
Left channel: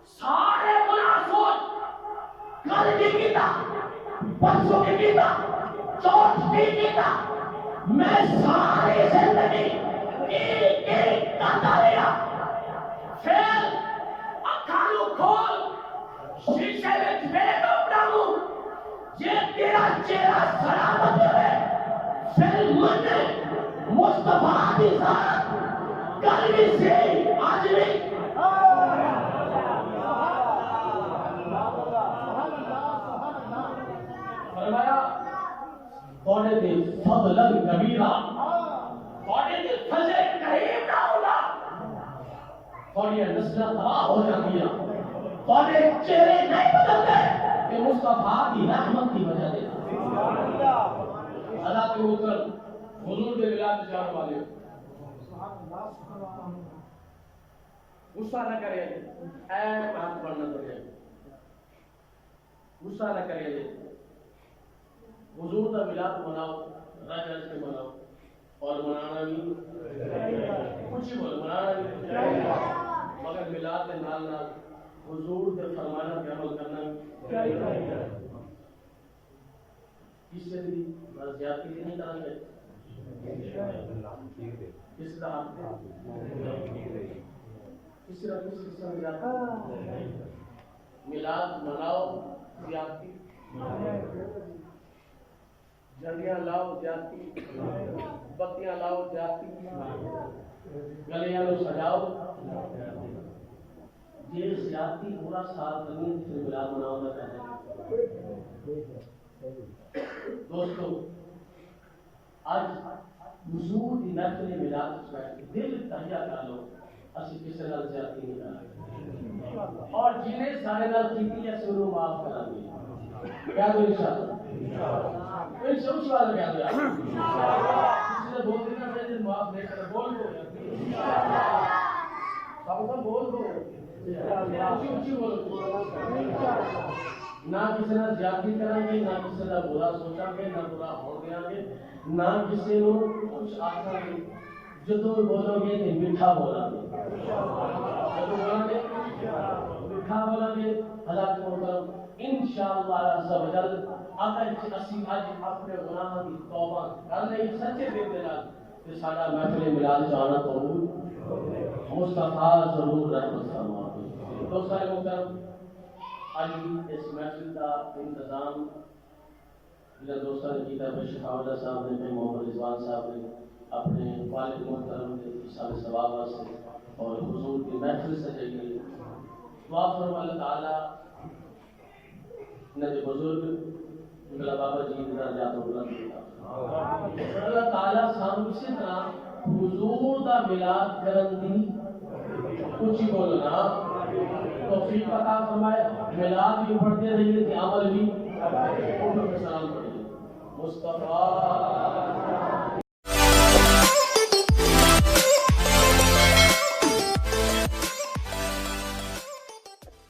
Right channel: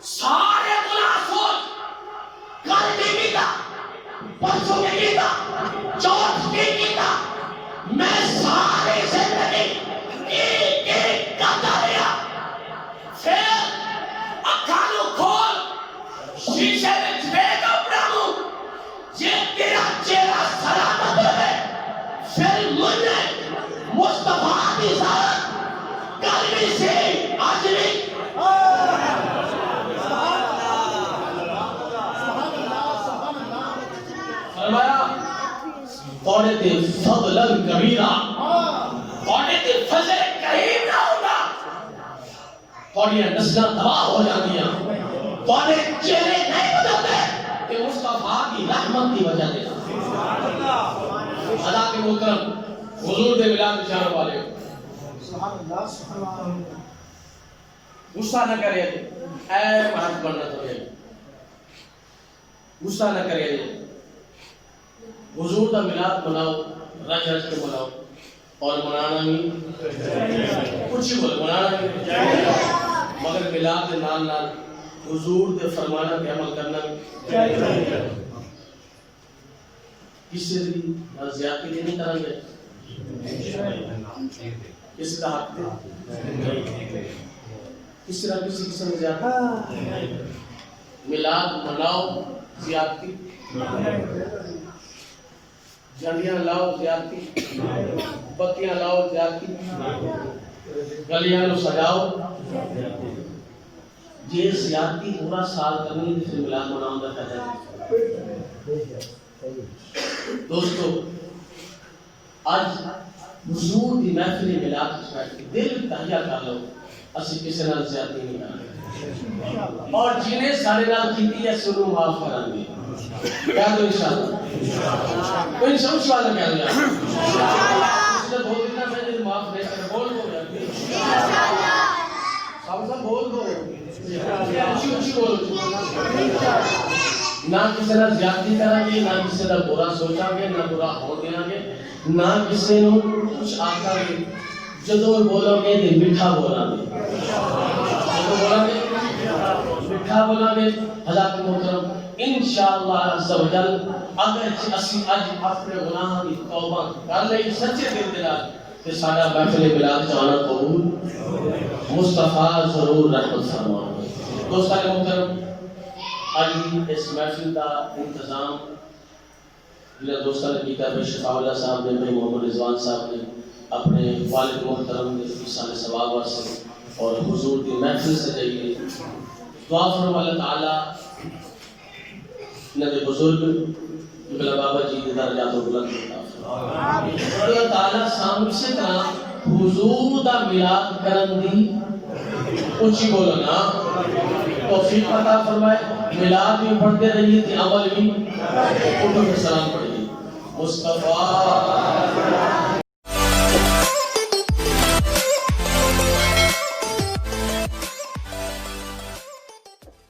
سارے گناہ سوچ کل کی کیتا پرسوں کی کیتا چوتھ کی کیتا میں ساری زندگی کی کرتا رہا پھر اکھانو کھول شیشے میں دیکھ اپنا منہ یہ تیرا چہرہ سلامت ہے پھر مجھے مصطفیٰ کی ذات قلبی سے آج بھی فرمایا توڑے تے فضلن کبیرہ توڑے تے فضل کریم نہ ہوگا توڑے نسلہ تباہ ہو جاندیاں توڑے چہرے نہیں بدلتے کہ مصطفیٰ کی رحمت کی وجہ دے حضرات محترم حضور دے ملاد اشارہ والے غصہ نہ کرے اے بات کرنا تو ہے غصہ نہ کرے حضور کا ملاد مناؤ رج رج کے مناؤ اور منانا بھی کچھ ہی بولے منانا بھی مگر ملاد کے نال نال حضور دے فرمانا پہ عمل کرنا بھی کسی بھی نہ زیادتی بھی نہیں کریں گے کسی کا حق دے اس طرح کسی قسم زیادتی ملاد مناؤ زیادتی جھنڈیاں لاؤ زیادتی بتیاں لاؤ زیادتی گلیاں لو سجاؤ یہ زیادتی پورا سال کرنی جس سے ملاد مناؤں کا کہتا ہے دوستو آج حضور دی محفل ملاد کی دل تہیا کر لو اسی کسی نال زیادتی نہیں کریں اور جنہیں سارے نال کیتی ہے سنو معاف کریں گے کہہ دو انشاءاللہ کوئی سمجھ والا کیا ہوا اس نے بول دینا میں نے معاف نہیں کرا بول دو یار سب بول دو اچھی اچھی بولو نہ کسی نے زیادتی کریں گے نہ کسی نے برا سوچا گے نہ برا ہو دیا گے نہ کسی نے کچھ آتا گے جدو بولو گے تو میٹھا بولا گے جدو بولا گے میٹھا بولا گے حضرت محترم انشاءاللہ عز و جل اگر اسی اج اپنے گناہ کی توبہ کر لئی سچے دل دے نال تے ساڈا محفل میلاد جانا قبول مصطفیٰ ضرور رحمت فرمائے دوستان محترم آج اس محفل کا انتظام میرے دوستان نے کیا ہے شفاء اللہ صاحب نے بھائی محمد رضوان صاحب نے اپنے والد محترم نے سال ثواب سے اور حضور کی محفل سے جائیے دعا فرما اللہ تعالی نے بزرگ بلا بابا جی کے درجات و بلند اللہ تعالی سامنے سے طرح حضور دا میلاد کرن دی اونچی بولو نا توفیق عطا فرمائے میلاد بھی پڑھتے رہیے تھے عمل بھی اٹھو کے سلام پڑھیے مصطفیٰ